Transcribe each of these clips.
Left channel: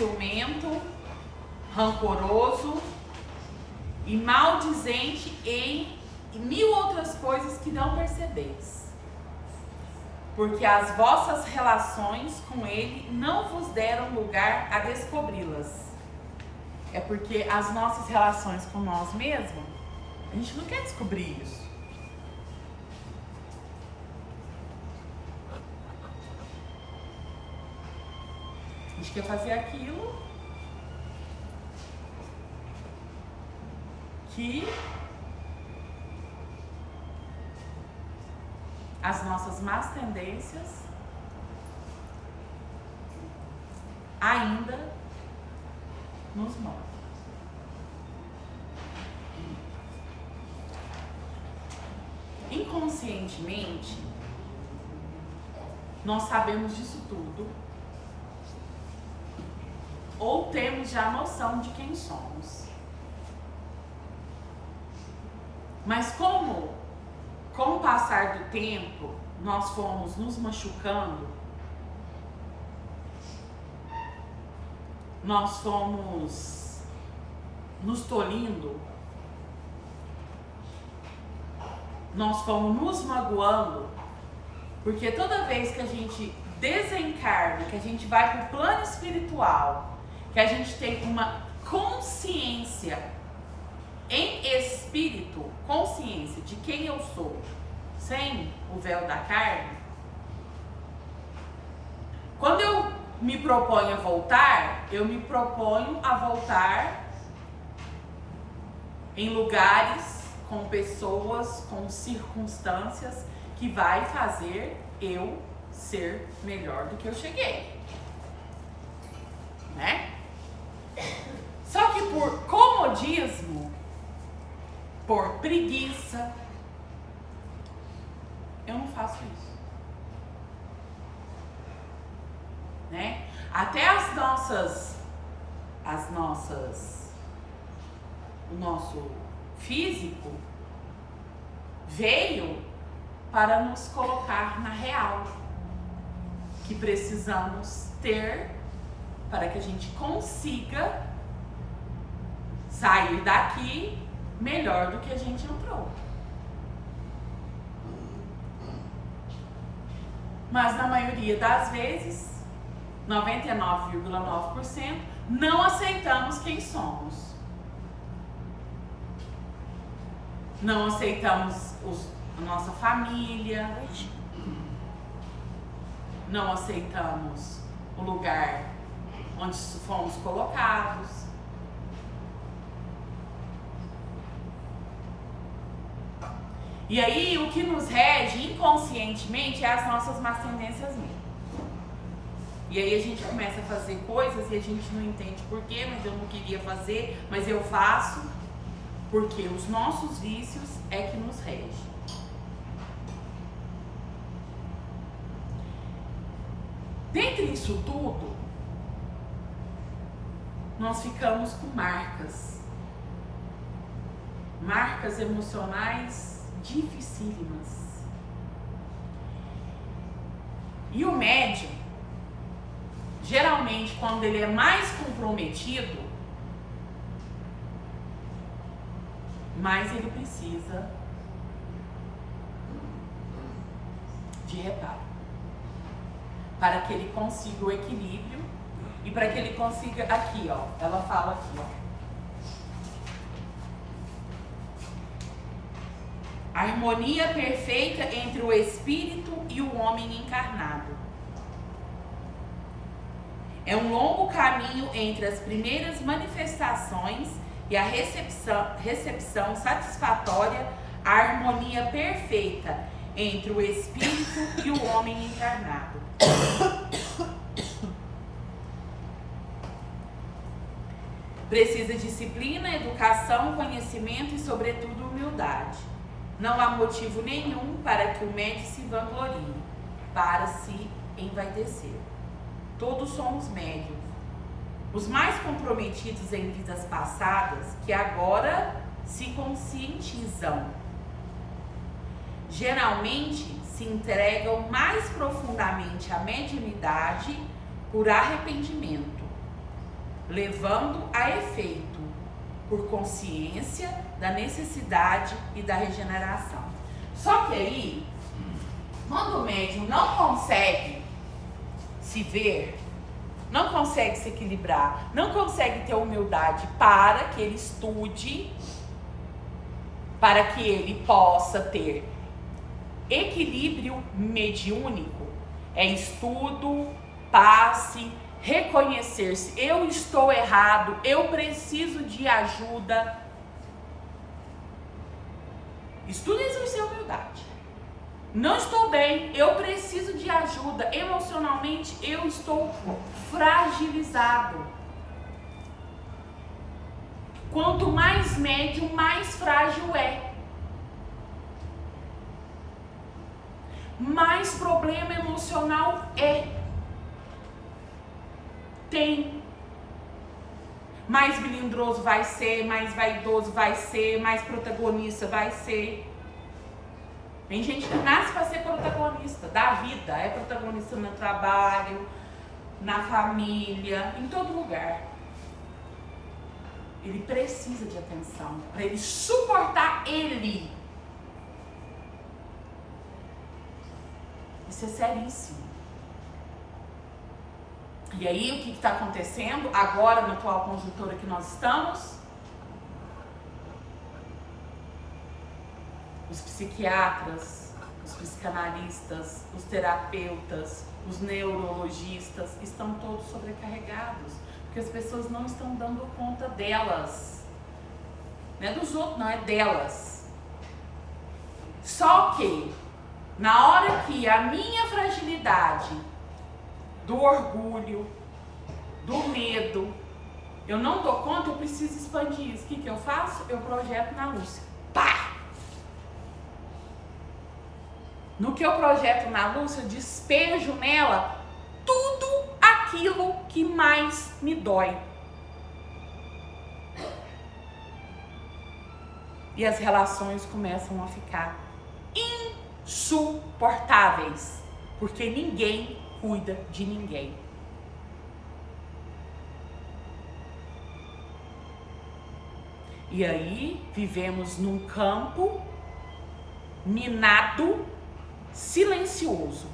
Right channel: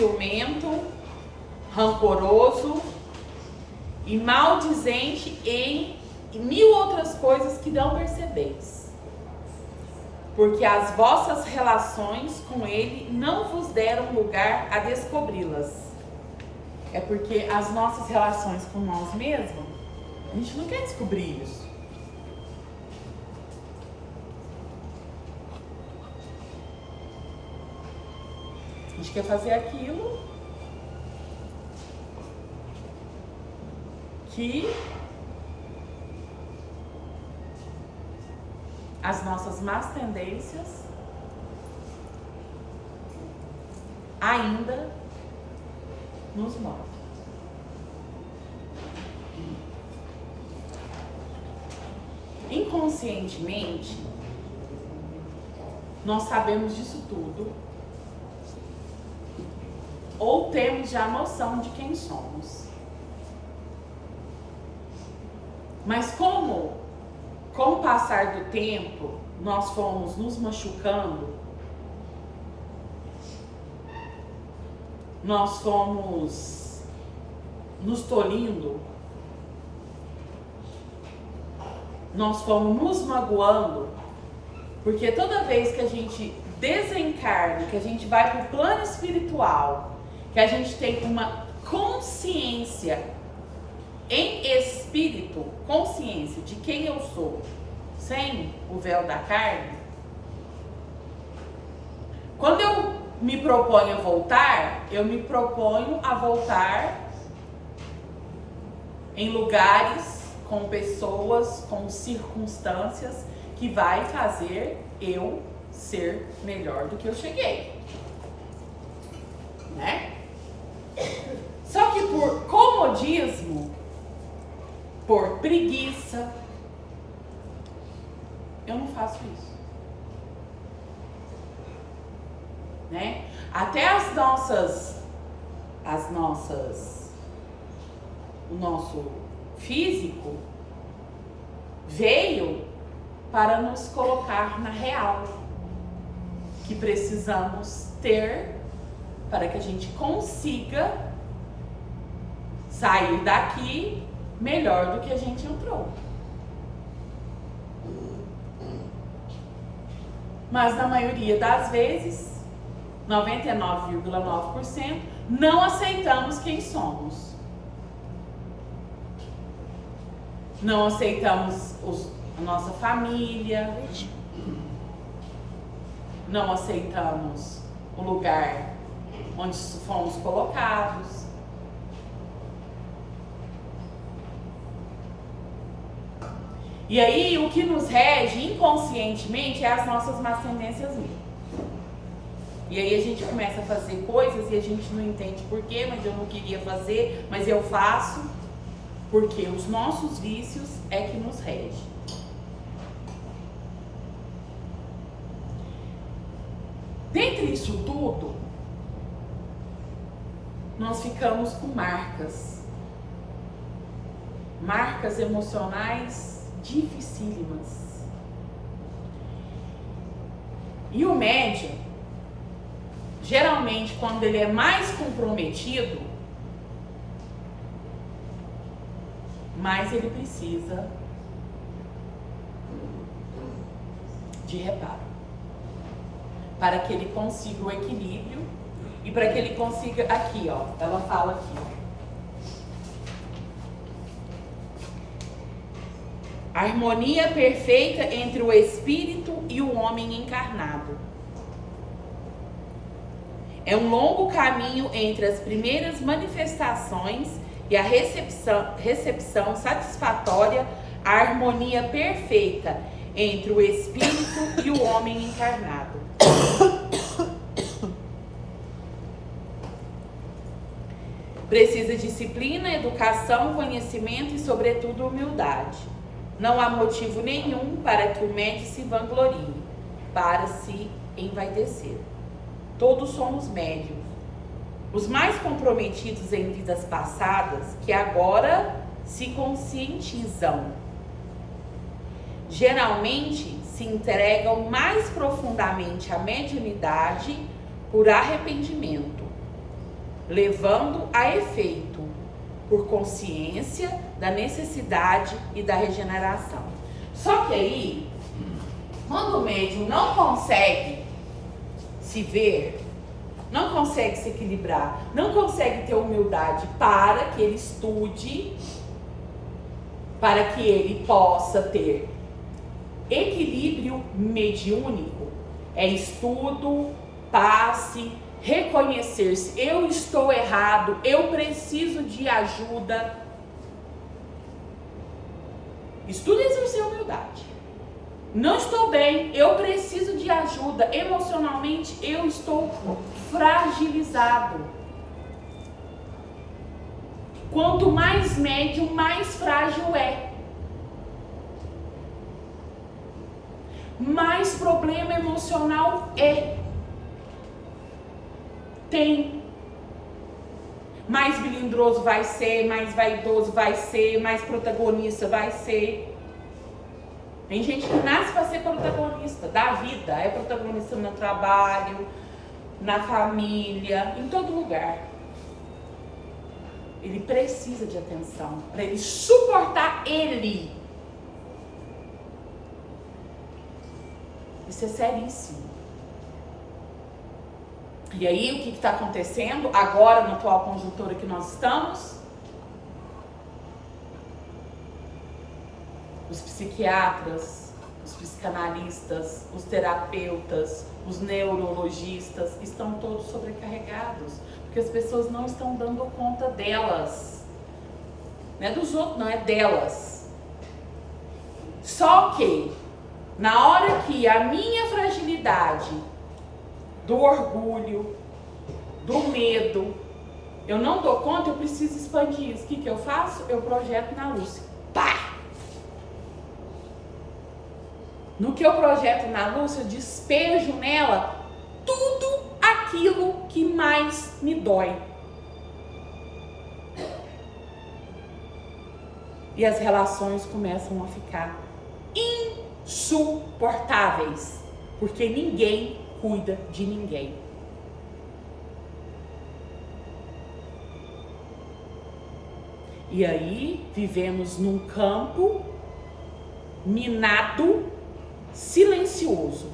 ciumento, rancoroso e maldizente e mil outras coisas que não percebeis. Porque as vossas relações com ele não vos deram lugar a descobri-las. É porque as nossas relações com nós mesmos, a gente não quer descobrir isso. A gente quer fazer aquilo que as nossas más tendências ainda nos movem. Inconscientemente, nós sabemos disso tudo, ou temos já noção de quem somos. Mas como, com o passar do tempo, nós fomos nos machucando, nós fomos nos tolindo, nós fomos nos magoando, porque toda vez que a gente desencarna, que a gente vai para o plano espiritual, que a gente tem uma consciência em espírito, consciência de quem eu sou, sem o véu da carne, quando eu me proponho a voltar, eu me proponho a voltar em lugares, com pessoas, com circunstâncias que vai fazer eu ser melhor do que eu cheguei, né? Só que por comodismo, por preguiça, eu não faço isso, né? Até o nosso físico veio para nos colocar na real que precisamos ter para que a gente consiga sair daqui melhor do que a gente entrou. Mas na maioria das vezes, 99,9%, não aceitamos quem somos. Não aceitamos a nossa família, não aceitamos o lugar onde fomos colocados. E aí, o que nos rege inconscientemente é as nossas más tendências mesmo. E aí a gente começa a fazer coisas e a gente não entende por quê, mas eu não queria fazer, mas eu faço, porque os nossos vícios é que nos regem. Dentre isso tudo, nós ficamos com marcas emocionais dificílimas. E o médium, geralmente, quando ele é mais comprometido, mais ele precisa de reparo, para que ele consiga o equilíbrio e para que ele consiga, aqui ó, ela fala aqui ó, a harmonia perfeita entre o espírito e o homem encarnado. É um longo caminho entre as primeiras manifestações e a recepção satisfatória, a harmonia perfeita entre o espírito e o homem encarnado. Precisa disciplina, educação, conhecimento e, sobretudo, humildade. Não há motivo nenhum para que o médium se vanglorie, para se envaidecer. Todos somos médiums. Os mais comprometidos em vidas passadas, que agora se conscientizam, geralmente se entregam mais profundamente à mediunidade por arrependimento, levando a efeito, por consciência da necessidade e da regeneração. Só que aí, quando o médium não consegue se ver, não consegue se equilibrar, não consegue ter humildade para que ele estude, para que ele possa ter equilíbrio mediúnico, é estudo, passe, reconhecer-se, eu estou errado, eu preciso de ajuda. Estudo e exercer humildade. Não estou bem, eu preciso de ajuda, emocionalmente eu estou fragilizado. Quanto mais médium, mais frágil é. Mais problema emocional tem. Mais melindroso vai ser, mais vaidoso vai ser, mais protagonista vai ser. Tem gente que nasce para ser protagonista da vida, é protagonista no trabalho, na família, em todo lugar. Ele precisa de atenção para ele suportar ele. Isso é seríssimo. E aí, o que está acontecendo agora na atual conjuntura que nós estamos? Os psiquiatras, os psicanalistas, os terapeutas, os neurologistas estão todos sobrecarregados, porque as pessoas não estão dando conta delas. Não é dos outros, não, é delas. Só que, na hora que a minha fragilidade do orgulho, do medo, eu não dou conta, eu preciso expandir isso. O que eu faço? Eu projeto na Lúcia. Pá! No que eu projeto na Lúcia, eu despejo nela tudo aquilo que mais me dói. E as relações começam a ficar insuportáveis, porque ninguém cuida de ninguém. E aí vivemos num campo minado, silencioso,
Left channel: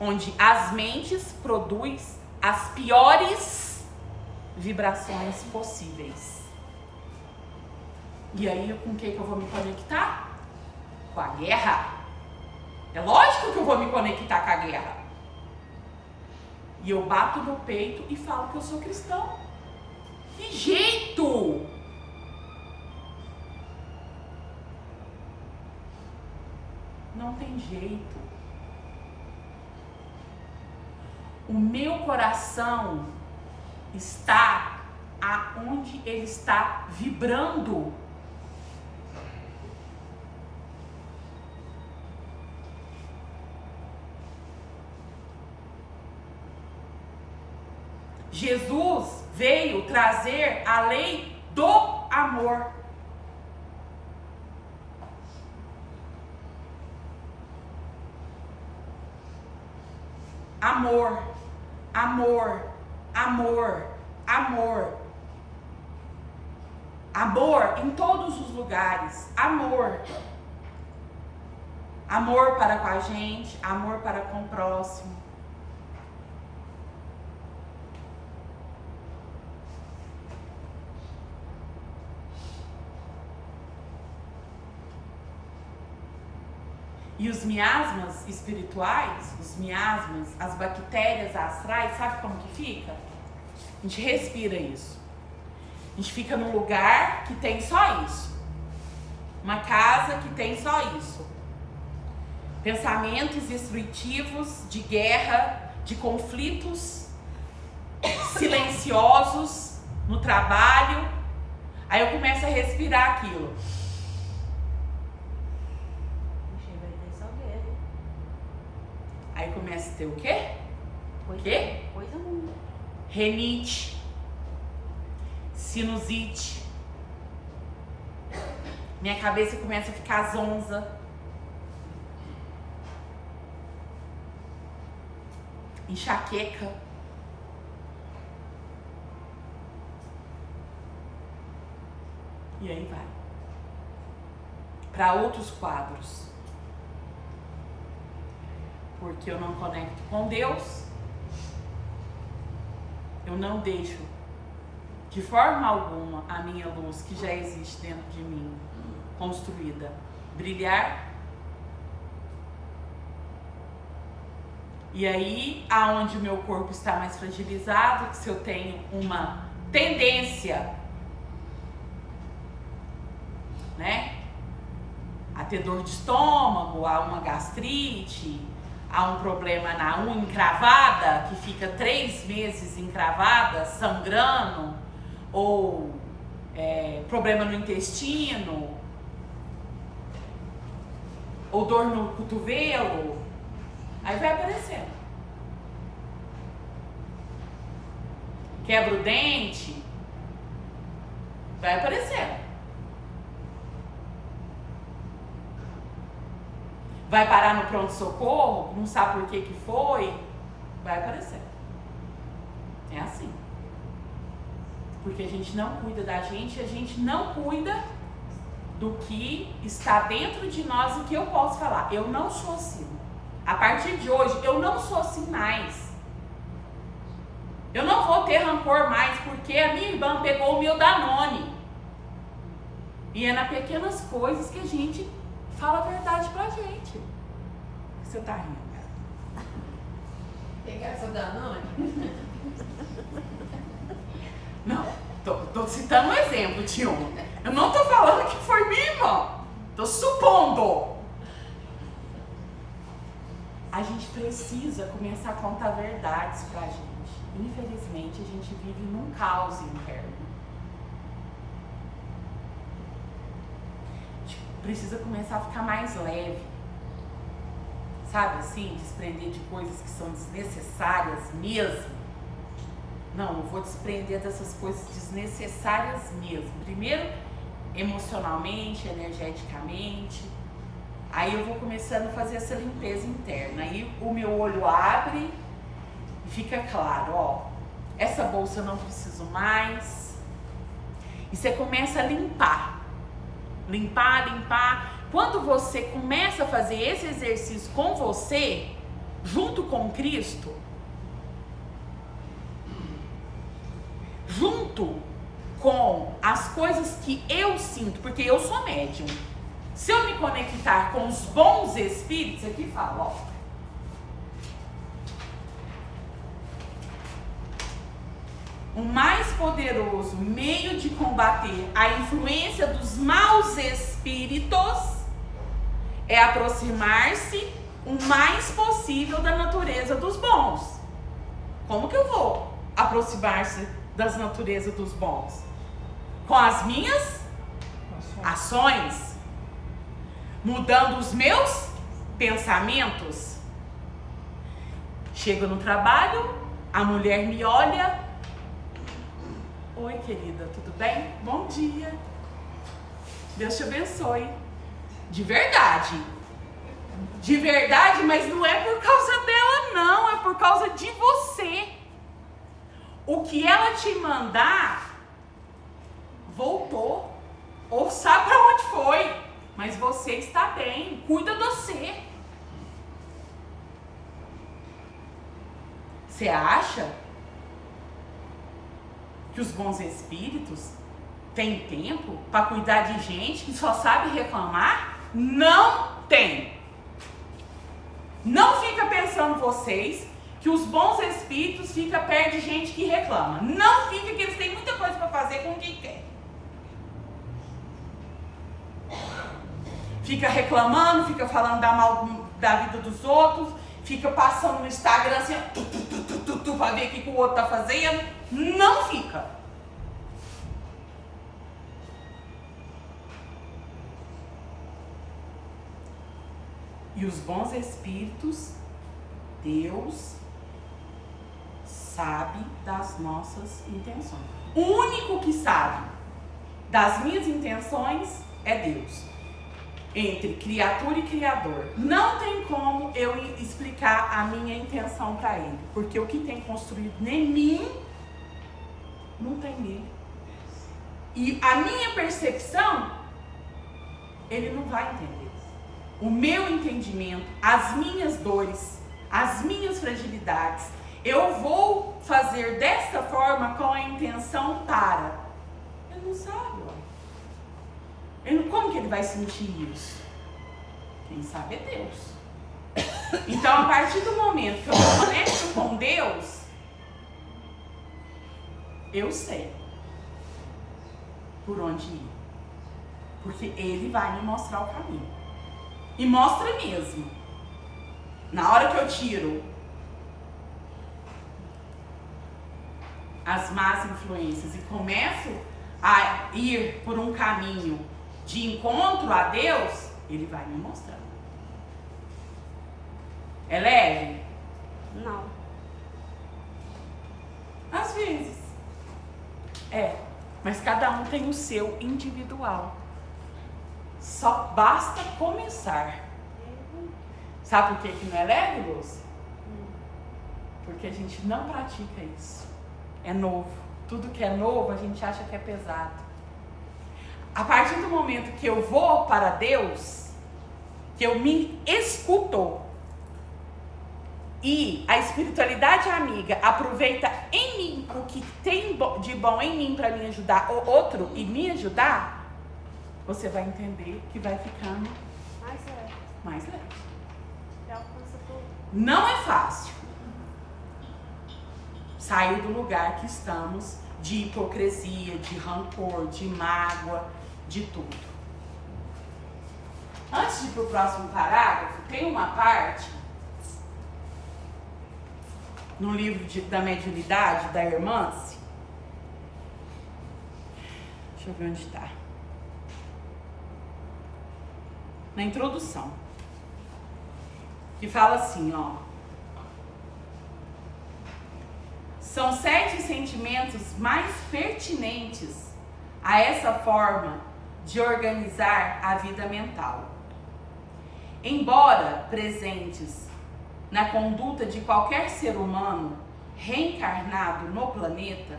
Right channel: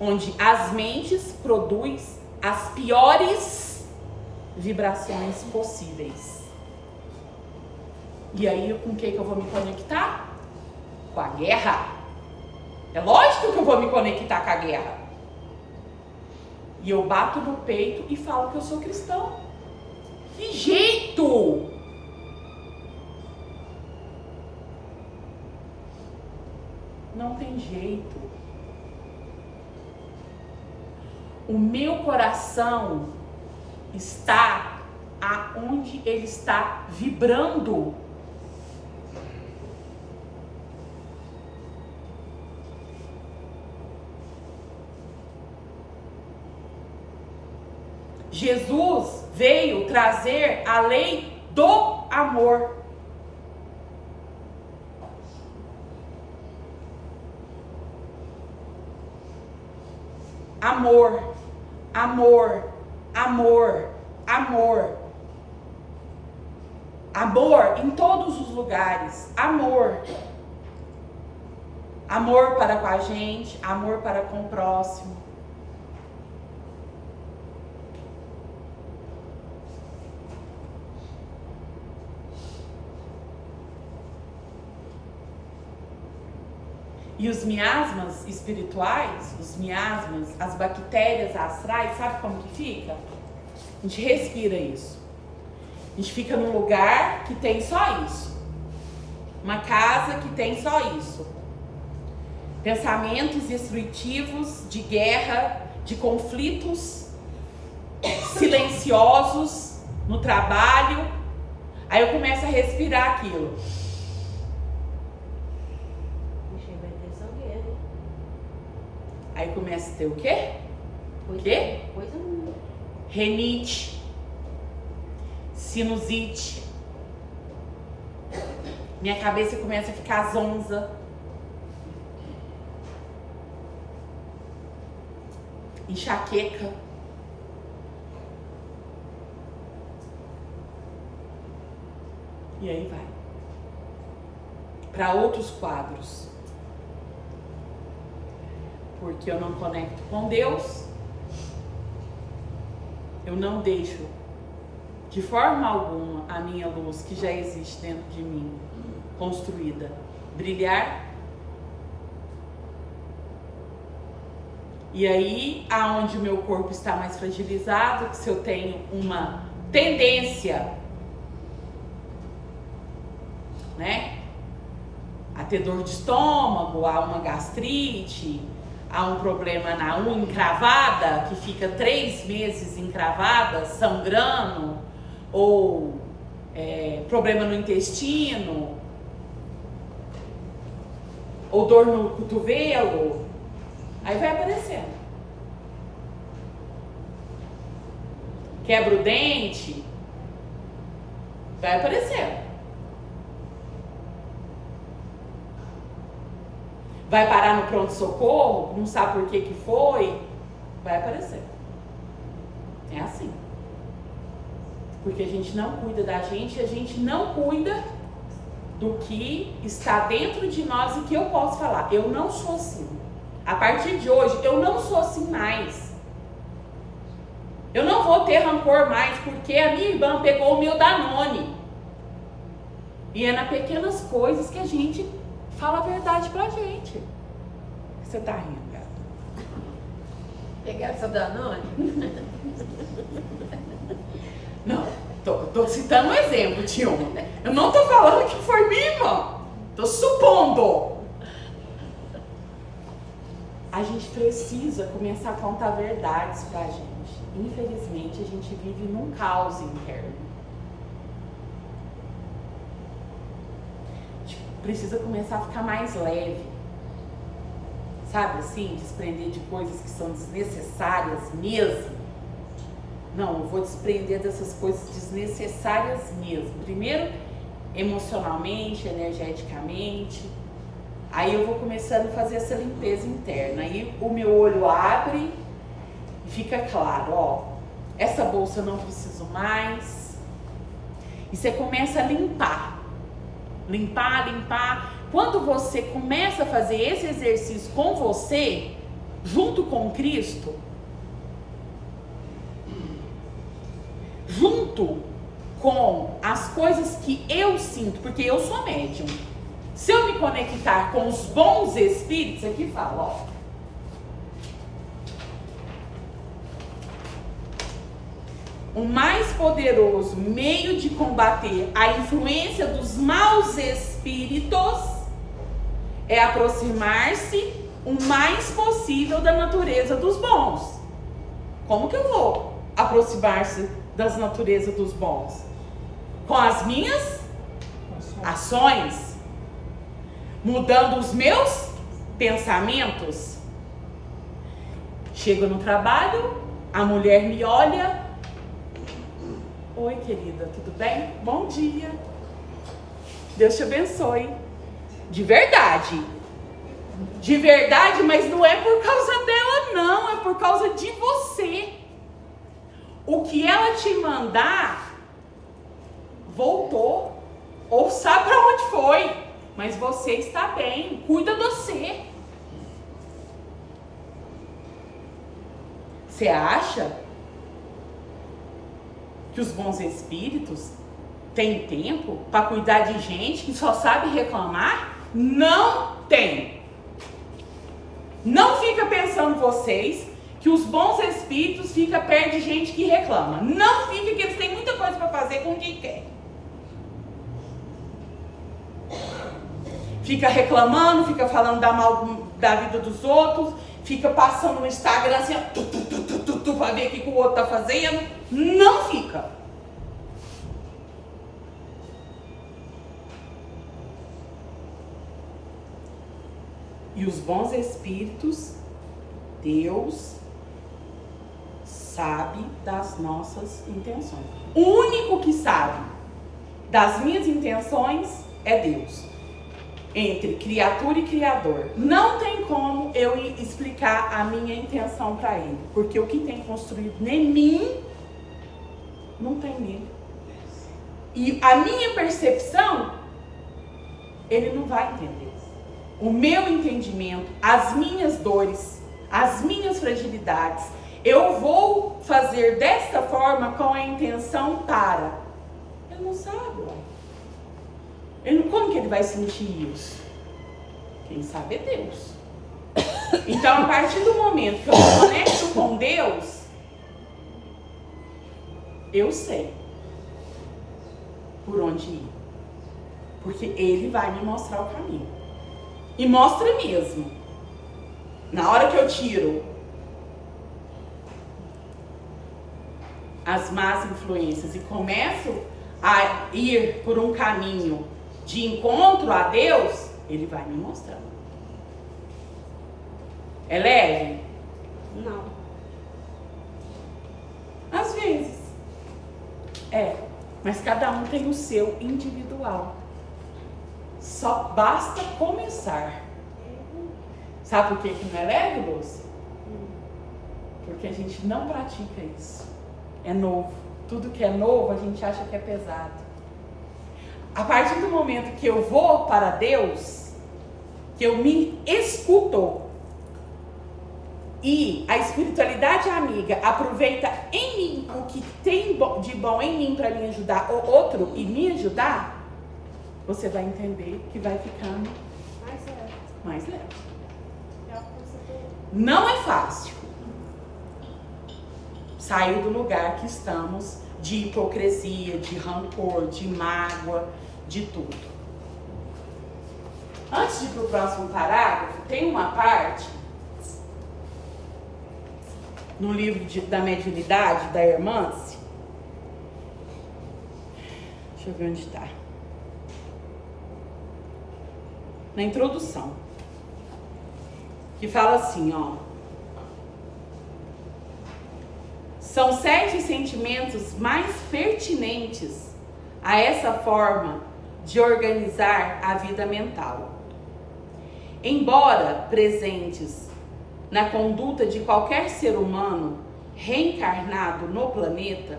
onde as mentes produzem as piores vibrações possíveis. E aí com o que eu vou me conectar? Com a guerra. É lógico que eu vou me conectar com a guerra. E eu bato no peito e falo que eu sou cristão. Que jeito! Não tem jeito. O meu coração está aonde ele está vibrando. Jesus veio trazer a lei do amor. Amor, amor, amor, amor. Amor em todos os lugares. Amor. Amor para com a gente, amor para com o próximo. E os miasmas espirituais, os miasmas, as bactérias astrais, sabe como que fica? A gente respira isso. A gente fica num lugar que tem só isso. Uma casa que tem só isso. Pensamentos destrutivos, de guerra, de conflitos silenciosos no trabalho. Aí eu começo a respirar aquilo. Aí começa a ter o quê? O quê? Coisa nenhuma. Renite, sinusite. Minha cabeça começa a ficar zonza. Enxaqueca. E aí vai para outros quadros. Porque eu não conecto com Deus, eu não deixo de forma alguma a minha luz que já existe dentro de mim, construída, brilhar. E aí, aonde o meu corpo está mais fragilizado, se eu tenho uma tendência, né, a ter dor de estômago, a uma gastrite, a um problema na unha encravada, que fica 3 meses encravada, sangrando, ou problema no intestino, ou dor no cotovelo, aí vai aparecendo. Quebra o dente, vai aparecendo. Vai parar no pronto-socorro, não sabe por que foi, vai aparecer. É assim. Porque a gente não cuida da gente, a gente não cuida do que está dentro de nós e que eu posso falar. Eu não sou assim. A partir de hoje, eu não sou assim mais. Eu não vou ter rancor mais porque a minha irmã pegou o meu Danone. E é nas pequenas coisas que a gente fala a verdade pra gente. Você tá rindo, cara? Pegar essa Danone? Não, tô citando um exemplo, tio. Eu não tô falando que foi minha irmã. Tô supondo. A gente precisa começar a contar verdades pra gente. Infelizmente, a gente vive num caos interno. A gente precisa começar a ficar mais leve. Sabe assim? Desprender de coisas que são desnecessárias mesmo. Não, eu vou desprender dessas coisas desnecessárias mesmo. Primeiro, emocionalmente, energeticamente. Aí eu vou começando a fazer essa limpeza interna. Aí o meu olho abre e fica claro, ó, essa bolsa eu não preciso mais. E você começa a limpar. Limpar. Quando você começa a fazer esse exercício com você, junto com Cristo, junto com as coisas que eu sinto, porque eu sou médium. Se eu me conectar com os bons espíritos, aqui fala, ó. O mais poderoso meio de combater a influência dos maus espíritos é aproximar-se o mais possível da natureza dos bons. Como que eu vou aproximar-se das naturezas dos bons? Com as minhas ações, mudando os meus pensamentos. Chego no trabalho, a mulher me olha. Oi, querida, tudo bem? Bom dia. Deus te abençoe. De verdade. De verdade, mas não é por causa dela, não. É por causa de você. O que ela te mandar, voltou. Ou sabe para onde foi. Mas você está bem. Cuida de você. Você acha que os bons espíritos têm tempo para cuidar de gente que só sabe reclamar? Não tem. Não fica pensando vocês que os bons espíritos ficam perto de gente que reclama. Não fica, que eles têm muita coisa para fazer com quem quer. Fica reclamando, fica falando da vida dos outros, fica passando no Instagram assim, para ver o que o outro tá fazendo. Não fica. E os bons espíritos, Deus sabe das nossas intenções. O único que sabe das minhas intenções é Deus. Entre criatura e criador. Não tem como eu explicar a minha intenção para ele. Porque o que tem construído em mim, não tem nele. e a minha percepção, ele não vai entender. O meu entendimento, as minhas dores, as minhas fragilidades, eu vou fazer desta forma com a intenção para. Ele não sabe, ué. Como que ele vai sentir isso? Quem sabe é Deus. Então, a partir do momento que eu me conecto com Deus, eu sei por onde ir. Porque Ele vai me mostrar o caminho. E mostra mesmo. Na hora que eu tiro as más influências e começo a ir por um caminho de encontro a Deus, Ele vai me mostrando. É leve? Não. Às vezes. Mas cada um tem o seu individual. Só basta começar. Sabe por que não é leve, Lúcia? Porque a gente não pratica isso. É novo. Tudo que é novo a gente acha que é pesado. A partir do momento que eu vou para Deus, que eu me escuto, e a espiritualidade amiga aproveita em mim o que tem de bom em mim para me ajudar o outro e me ajudar, você vai entender que vai ficando mais leve. Não é fácil sair do lugar que estamos de hipocrisia, de rancor, de mágoa, de tudo. Antes de ir para o próximo parágrafo, tem uma parte no livro da mediunidade da Hermance. Deixa eu ver onde está. Na introdução. Que fala assim, ó. São 7 sentimentos mais pertinentes a essa forma de organizar a vida mental. Embora presentes na conduta de qualquer ser humano reencarnado no planeta,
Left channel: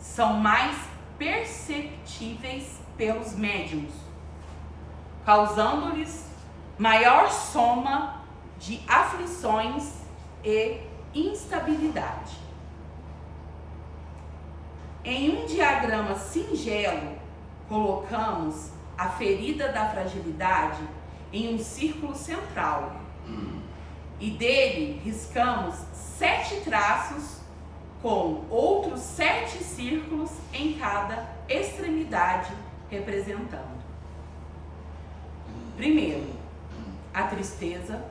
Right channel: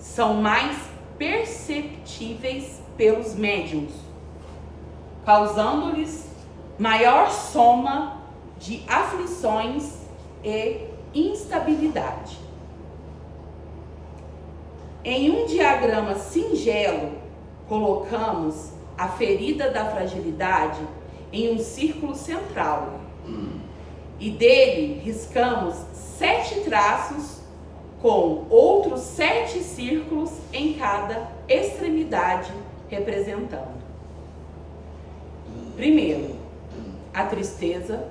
são mais perceptíveis pelos médiuns, causando-lhes maior soma de aflições e instabilidade. Em um diagrama singelo, colocamos a ferida da fragilidade em um círculo central e dele riscamos 7 traços com outros 7 círculos em cada extremidade representando. Primeiro, a tristeza.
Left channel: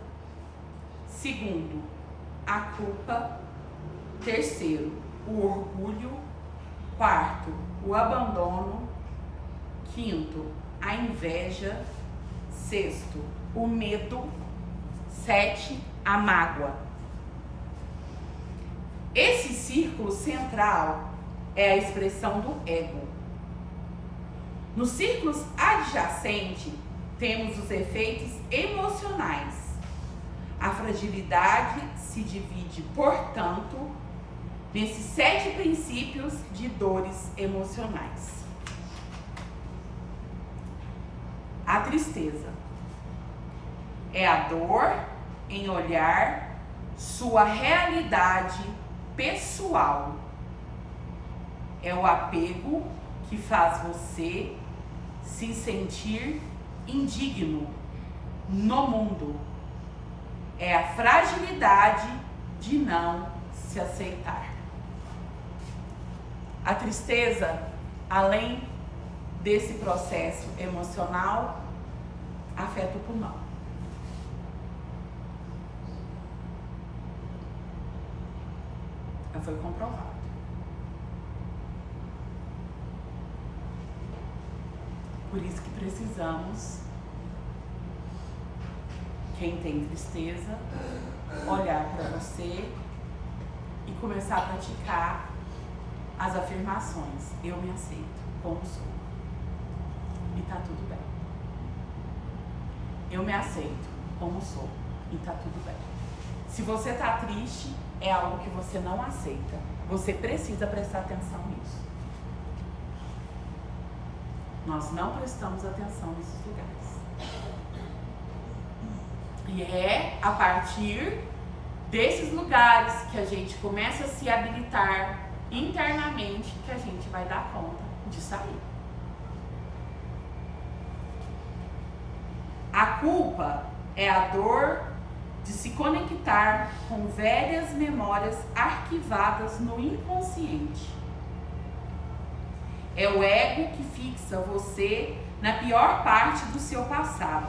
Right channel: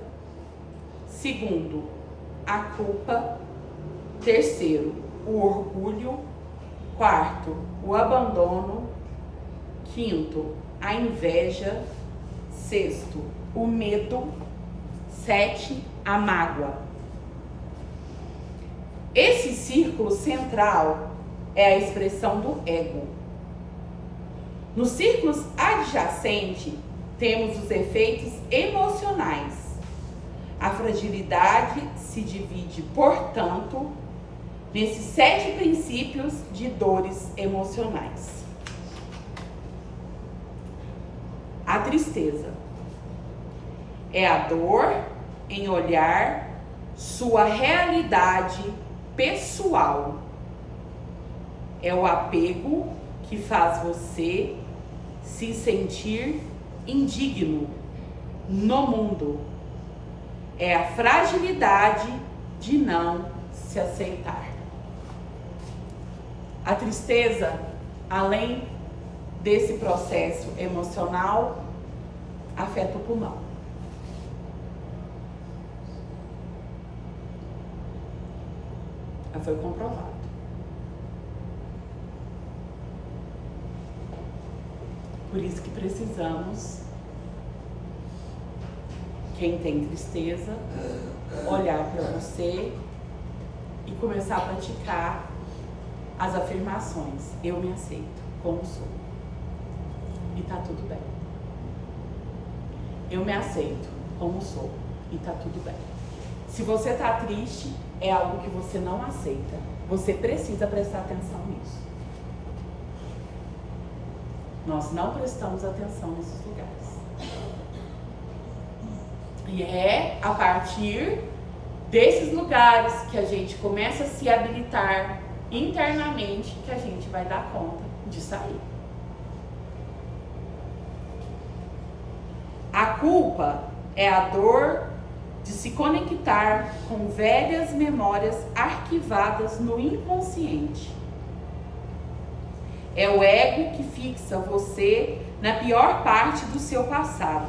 Segundo, a culpa. Terceiro, o orgulho. Quarto, o abandono. Quinto, a inveja. Sexto, o medo. 7, a mágoa. Esse círculo central é a expressão do ego. Nos círculos adjacentes, temos os efeitos emocionais. A fragilidade se divide, portanto, nesses 7 princípios de dores emocionais. A tristeza é a dor em olhar sua realidade pessoal. É o apego que faz você se sentir indigno no mundo. É a fragilidade de não se aceitar. A tristeza, além desse processo emocional, afeta o pulmão. Já foi comprovado. Por isso que precisamos, quem tem tristeza, olhar para você e começar a praticar as afirmações. Eu me aceito como sou. E tá tudo bem. Eu me aceito como sou. E tá tudo bem. Se você tá triste, é algo que você não aceita. Você precisa prestar atenção nisso. Nós não prestamos atenção nesses lugares. E é a partir desses lugares que a gente começa a se habilitar internamente que a gente vai dar conta de sair. A culpa é a dor de se conectar com velhas memórias arquivadas no inconsciente. É o ego que fixa você na pior parte do seu passado.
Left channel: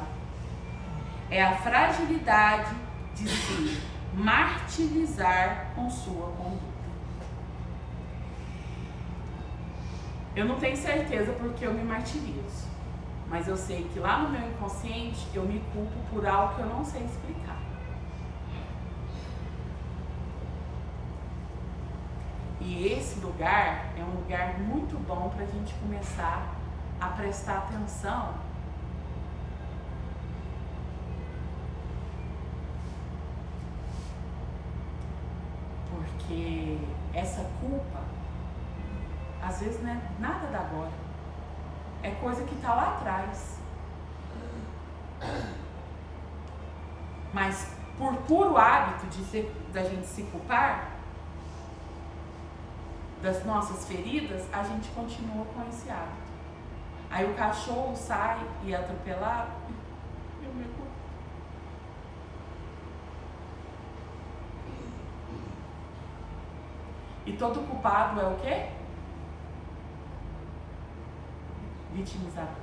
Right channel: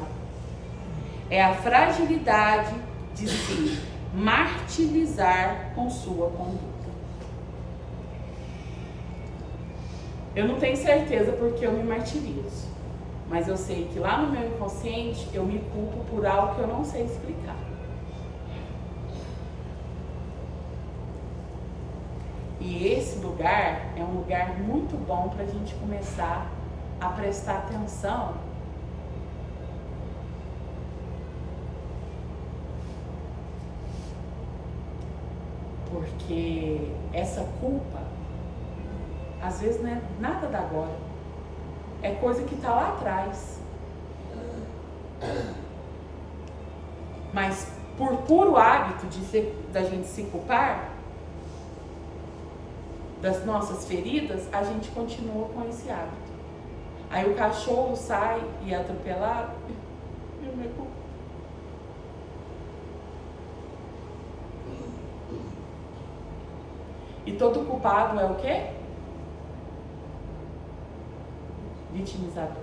É a fragilidade de se martirizar com sua conduta. Eu não tenho certeza porque eu me martirizo, mas eu sei que lá no meu inconsciente eu me culpo por algo que eu não sei explicar. E esse lugar é um lugar muito bom para a gente começar a prestar atenção. Porque essa culpa, às vezes não é nada da agora. É coisa que está lá atrás. Mas por puro hábito da gente se culpar das nossas feridas, a gente continua com esse hábito. Aí o cachorro sai e é atropelado, eu me culpo. E todo culpado é o quê? Vitimizador.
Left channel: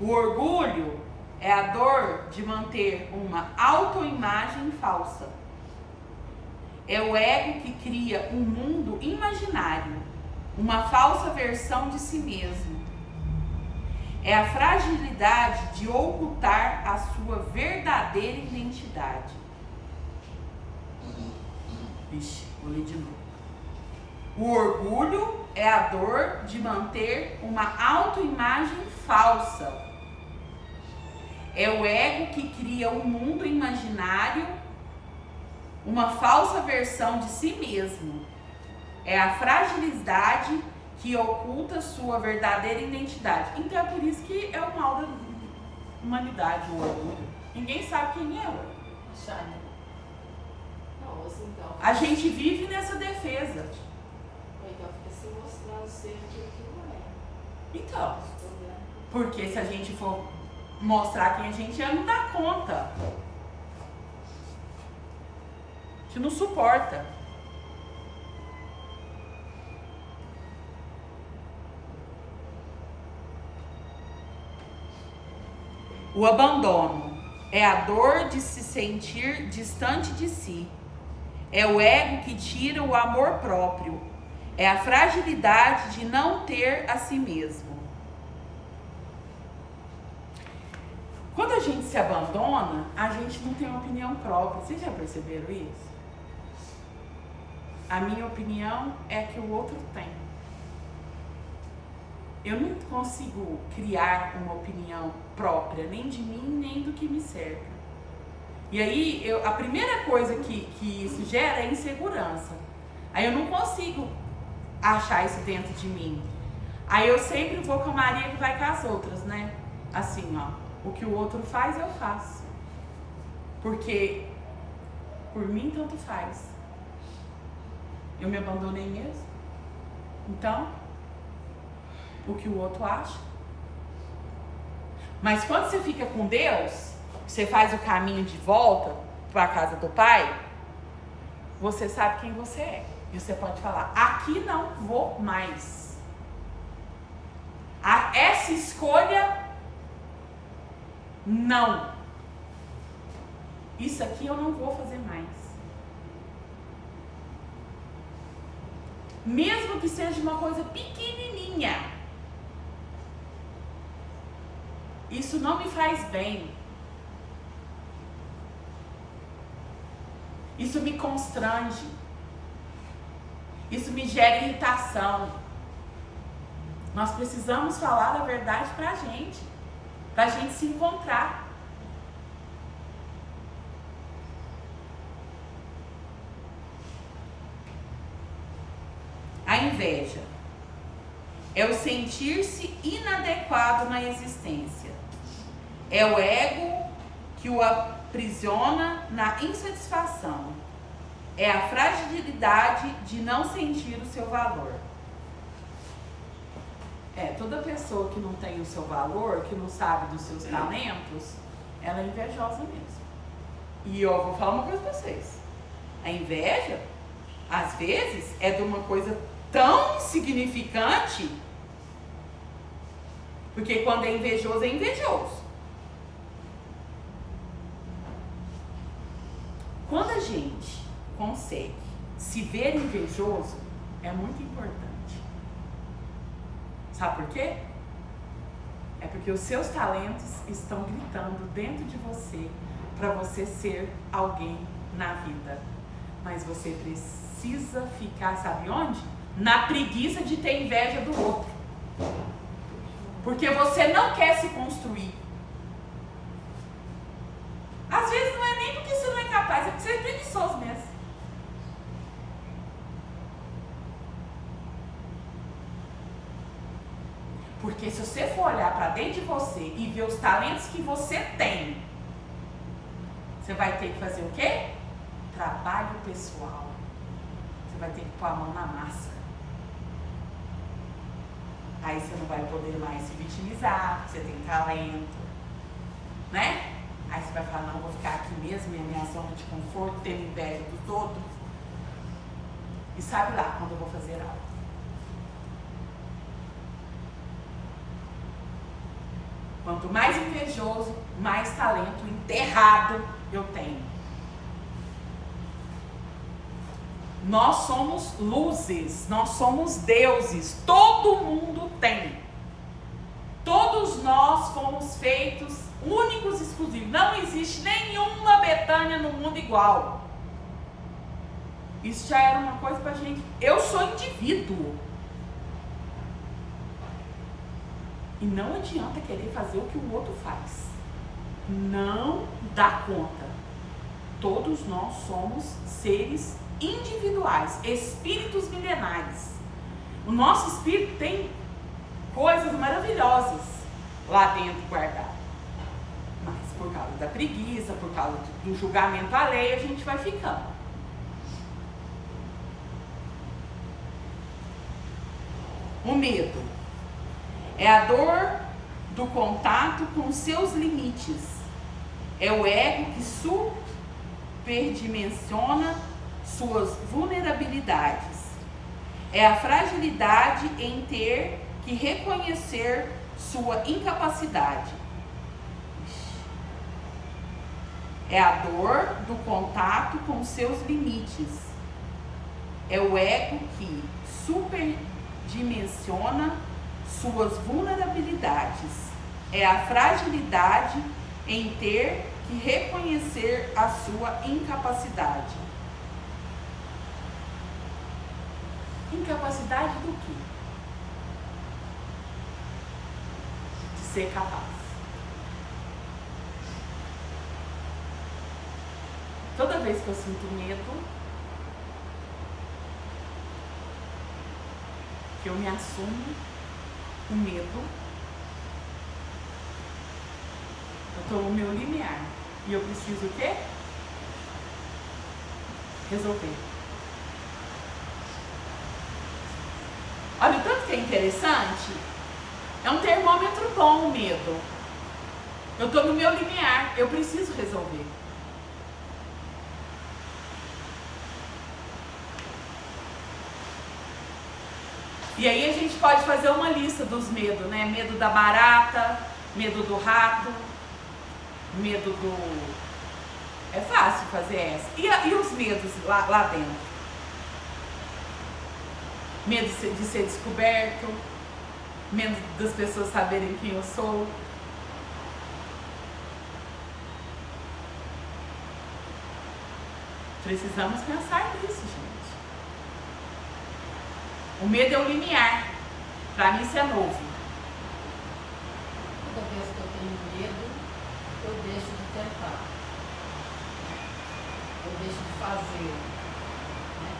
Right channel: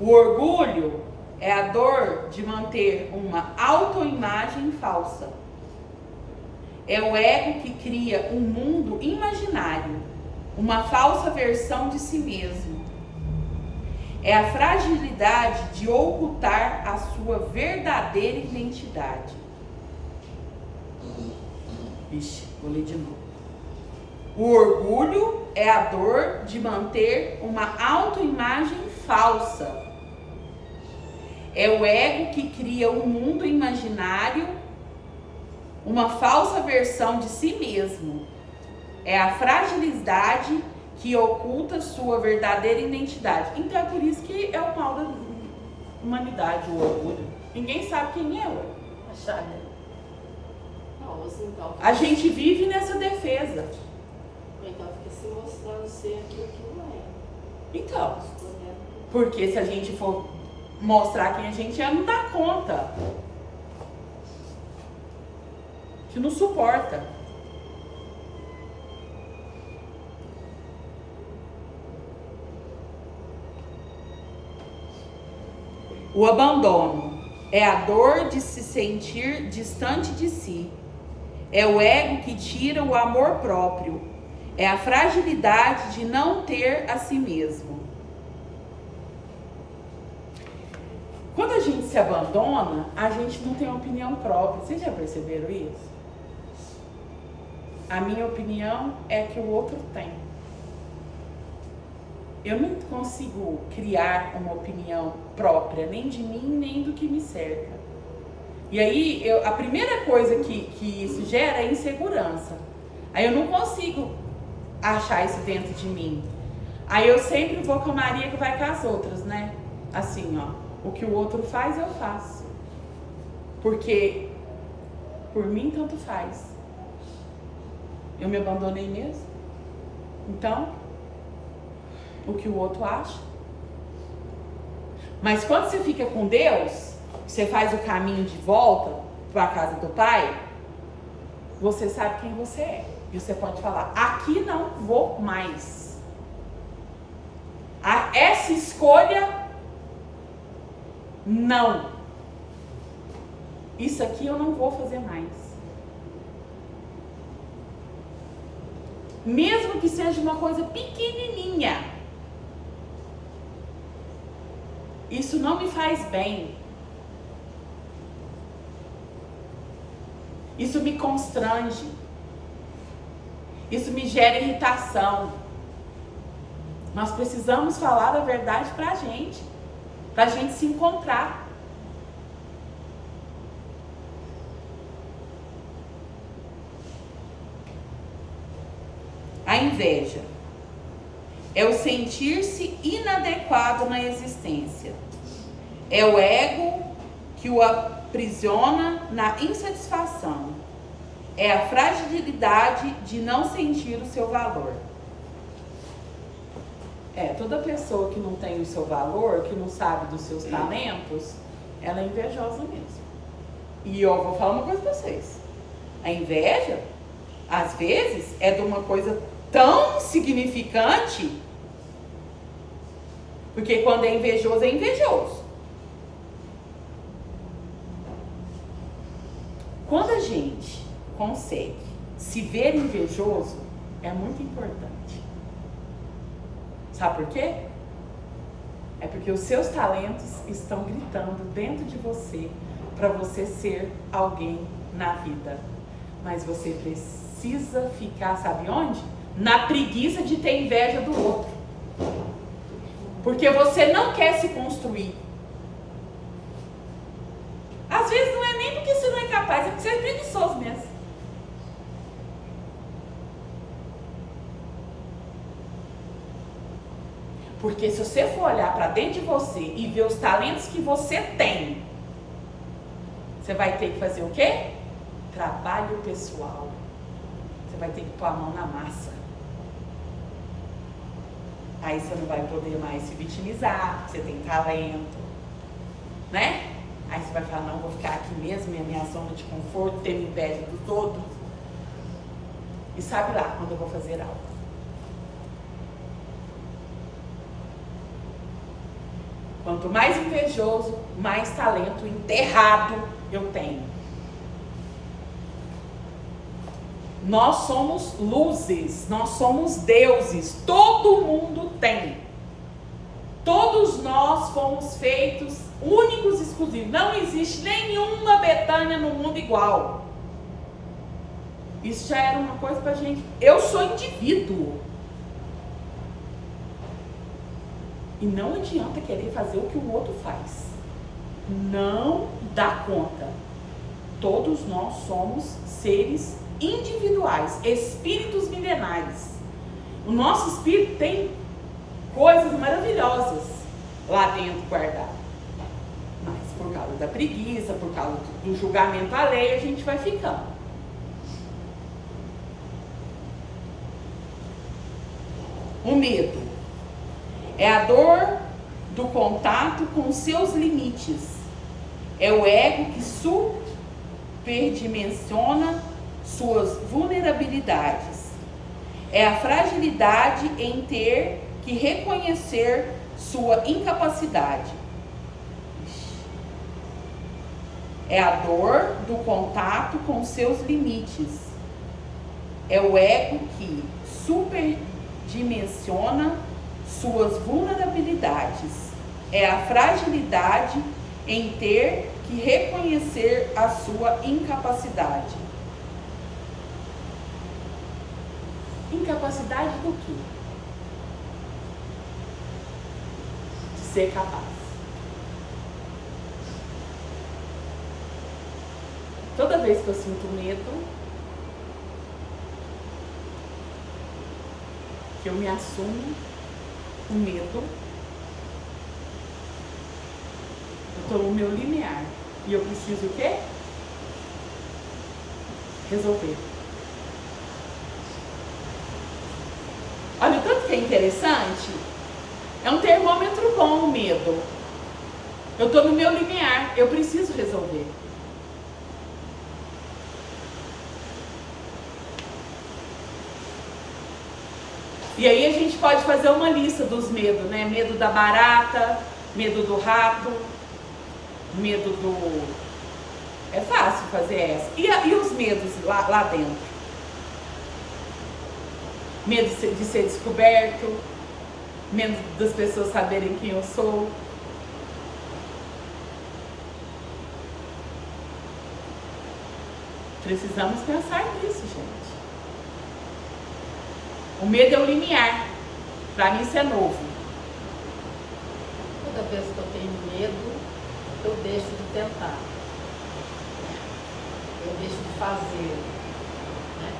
O orgulho é a dor de manter uma autoimagem falsa. É o ego que cria um mundo imaginário, uma falsa versão de si mesmo. É a fragilidade de ocultar a sua verdadeira identidade. Vixe, vou ler de novo. O orgulho é a dor de manter uma autoimagem falsa. É o ego que cria um mundo imaginário, uma falsa versão de si mesmo. É a fragilidade que oculta sua verdadeira identidade. Então é por isso que é o mal da humanidade, o orgulho. Ninguém sabe quem é eu. A gente vive nessa defesa. Então fica se mostrando ser aquilo que não é. Então, porque se a gente for mostrar quem a gente é, não dá conta. A gente não suporta. O abandono é a dor de se sentir distante de si. É o ego que tira o amor próprio. É a fragilidade de não ter a si mesmo. Quando a gente se abandona, a gente não tem opinião própria. Vocês já perceberam isso? A minha opinião é que o outro tem. Eu não consigo criar uma opinião própria, nem de mim, nem do que me cerca. E aí, a primeira coisa que isso gera é insegurança. Aí eu não consigo achar isso dentro de mim. Aí eu sempre vou com a Maria que vai com as outras, né? Assim, ó. O que o outro faz, eu faço. Porque, por mim, tanto faz. Eu me abandonei mesmo. Então, o que o outro acha. Mas quando você fica com Deus, você faz o caminho de volta para a casa do Pai, você sabe quem você é. E você pode falar, aqui não vou mais. Essa escolha, não. Isso aqui eu não vou fazer mais. Mesmo que seja uma coisa pequenininha. Isso não me faz bem. Isso me constrange. Isso me gera irritação. Nós precisamos falar a verdade pra gente se encontrar. inveja é o sentir-se inadequado na existência. É o ego que o aprisiona na insatisfação. É a fragilidade de não sentir o seu valor. Toda pessoa que não tem o seu valor, que não sabe dos seus talentos, ela é invejosa mesmo. E eu vou falar uma coisa pra vocês. A inveja, às vezes, é de uma coisa tão insignificante, porque quando é invejoso, é invejoso. Quando a gente consegue se ver invejoso, é muito importante. Sabe por quê? É porque os seus talentos estão gritando dentro de você para você ser alguém na vida. Mas você precisa ficar, sabe onde? Na preguiça de ter inveja do outro. Porque você não quer se construir. Às vezes não é nem porque você não é capaz, é porque você é preguiçoso mesmo. Porque se você for olhar para dentro de você e ver os talentos que você tem, você vai ter que fazer o quê? Trabalho pessoal. Você vai ter que pôr a mão na massa. Aí você não vai poder mais se vitimizar, você tem talento, né? Aí você vai falar, não, vou ficar aqui mesmo, é a minha zona de conforto, ter inveja do todo. E sabe lá quando eu vou fazer algo. Quanto mais invejoso, mais talento enterrado eu tenho. Nós somos luzes, nós somos deuses, todo mundo tem. Todos nós fomos feitos únicos e exclusivos. Não existe nenhuma Betânia no mundo igual. Isso já era uma coisa pra gente. Eu sou indivíduo. E não adianta querer fazer o que o outro faz. Não dá conta. Todos nós somos seres individuais, espíritos milenares. O nosso espírito tem coisas maravilhosas lá dentro guardadas. Mas por causa da preguiça, por causa do julgamento alheio, a gente vai ficando. O medo é a dor do contato com seus limites. É o ego que superdimensiona suas vulnerabilidades. É a fragilidade em ter que reconhecer sua incapacidade. É a dor do contato com seus limites. É o ego que superdimensiona suas vulnerabilidades. É a fragilidade em ter que reconhecer a sua incapacidade. Incapacidade do quê? De ser capaz. Toda vez que eu sinto medo, que eu me assumo o medo, eu estou no meu limiar. E eu preciso o quê? Resolver. Olha o tanto que é interessante. É um termômetro bom o medo. Eu estou no meu limiar, eu preciso resolver. E aí a gente pode fazer uma lista dos medos, né? Medo da barata, medo do rato, medo do... É fácil fazer essa. E os medos lá dentro? Medo de ser descoberto, medo das pessoas saberem quem eu sou. Precisamos pensar nisso, gente. O medo é o limiar. Pra mim isso é novo. Toda vez que eu tenho medo, eu deixo de tentar. Eu deixo de fazer. Né?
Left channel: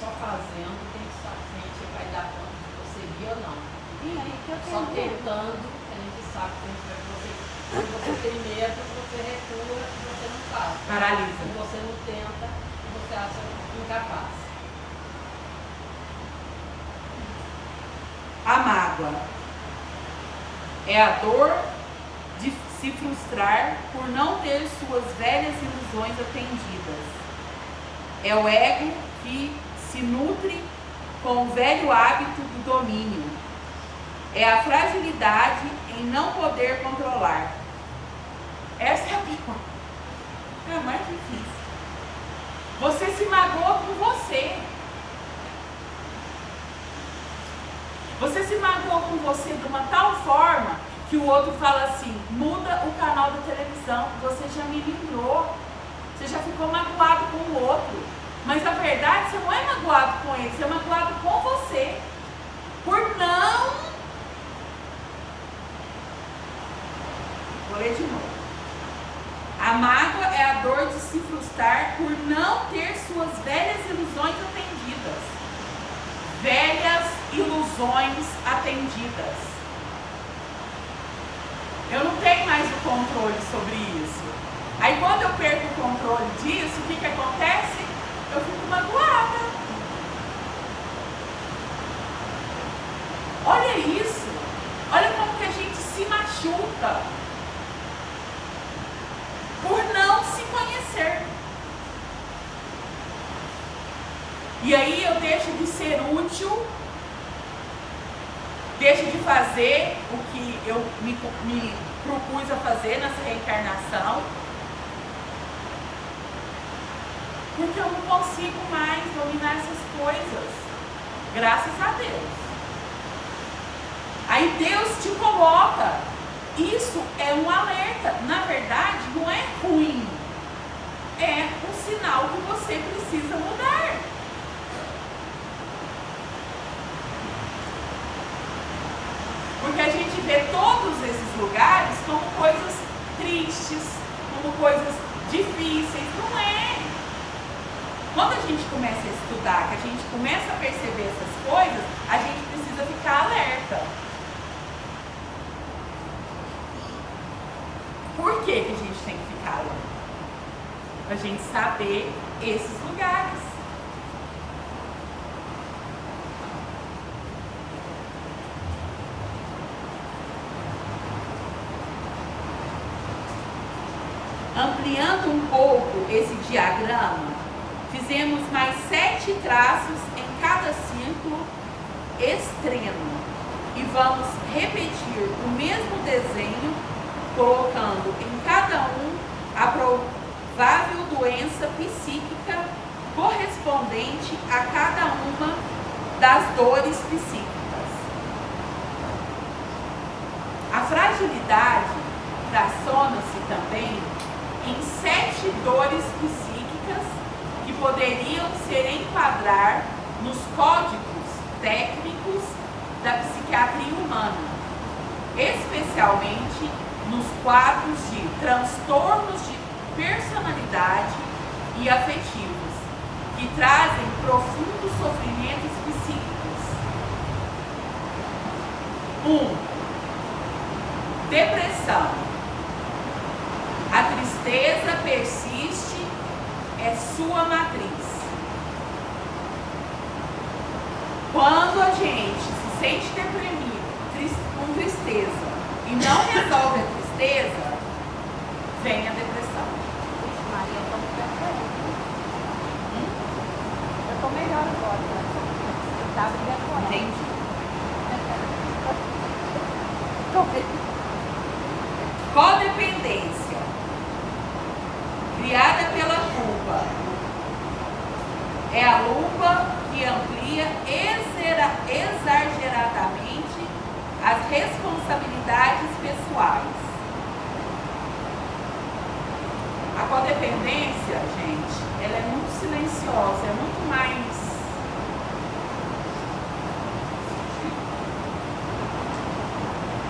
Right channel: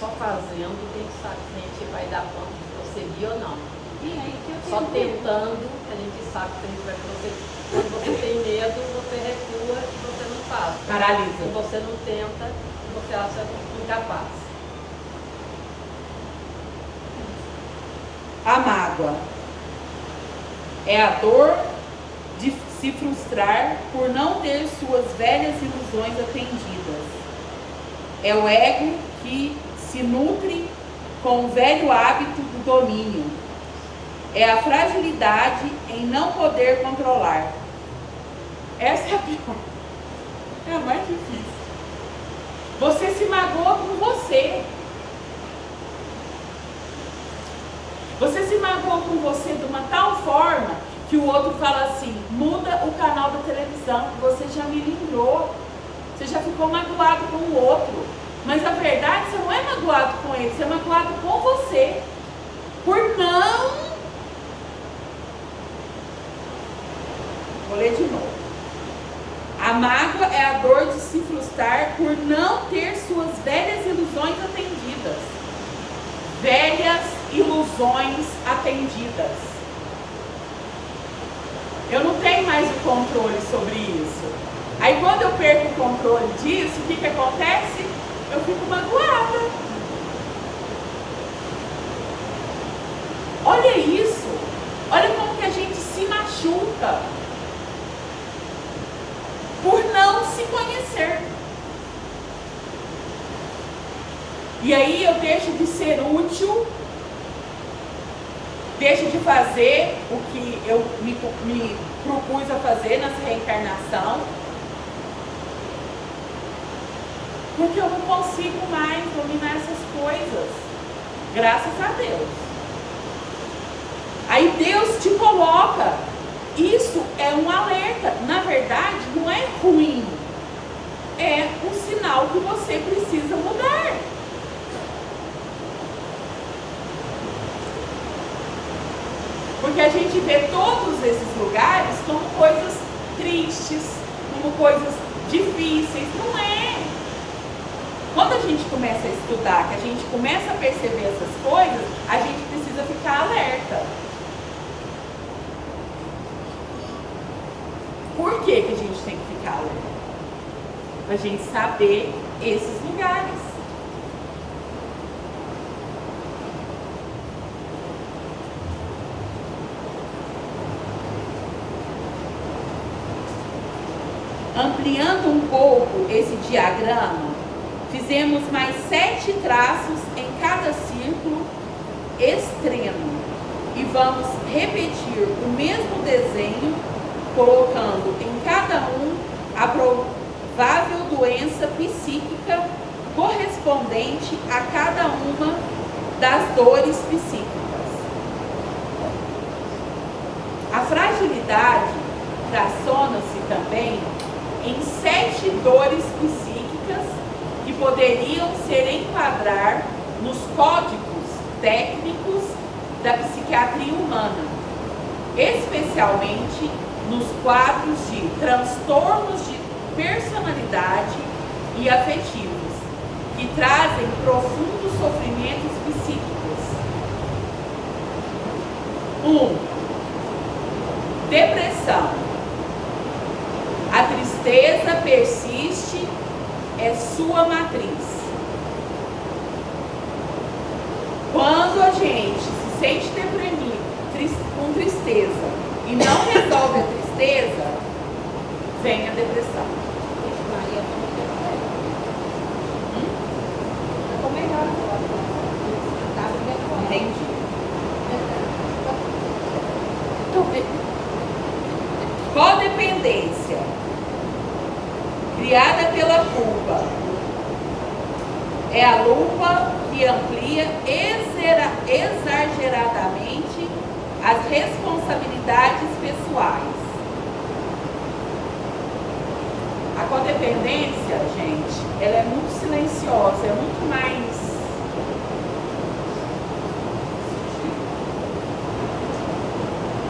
só fazendo, tem que saber, a gente vai dar conta de prosseguir ou não. Só tentando, a gente sabe que a gente vai prosseguir. Quando você tem medo, você recua e você não faz. Paralisa. Se você não tenta, você acha incapaz. A mágoa é a dor de se frustrar por não ter suas velhas ilusões atendidas. É o ego que se nutre com o velho hábito do domínio. É a fragilidade em não poder controlar. Essa é a pior. É a mais difícil. Você se magoa com você. Você se magoa com você de uma tal forma que o outro fala assim, muda o canal da televisão, que você já me lembrou. Você já ficou magoado com o outro. Mas a verdade, você não é magoado com ele, você é magoado com você. Por não... Vou ler de novo. A mágoa é a dor de se frustrar por não ter suas velhas ilusões atendidas. Velhas ilusões atendidas. Eu não tenho mais o controle sobre isso. Aí quando eu perco o controle disso, o que acontece? Eu fico magoada. Olha isso. Olha como que a gente se machuca por não se conhecer. E aí eu deixo de ser útil, deixo de fazer o que eu me propus a fazer nessa reencarnação, porque eu não consigo mais dominar essas coisas, graças a Deus. Aí Deus te coloca, isso é um alerta, na verdade não é ruim, é um sinal que você precisa mudar. Porque a gente vê todos esses lugares como coisas tristes, como coisas difíceis. Não é. Quando a gente começa a estudar, que a gente começa a perceber essas coisas, a gente precisa ficar alerta. Por que que a gente tem que ficar alerta? Para a gente saber esses lugares. Ampliando um pouco esse diagrama, fizemos mais 7 traços em cada círculo extremo e vamos repetir o mesmo desenho, colocando em cada um a provável doença psíquica correspondente a cada uma das dores psíquicas. A fragilidade fraciona-se também em 7 dores psíquicas que poderiam ser enquadrar nos códigos técnicos da psiquiatria humana, especialmente nos quadros de transtornos de personalidade e afetivos, que trazem profundos sofrimentos psíquicos. 1. Depressão. A tristeza persiste, é sua matriz. Quando a gente se sente deprimido, com tristeza, e não resolve a tristeza, vem a depressão. Maria está no perfeito. Ficou melhor agora. Tá bem. Entendi. Codependência. Criada pela culpa. É a lupa que amplia exageradamente as responsabilidades pessoais. A codependência, gente, ela é muito silenciosa, é muito mais...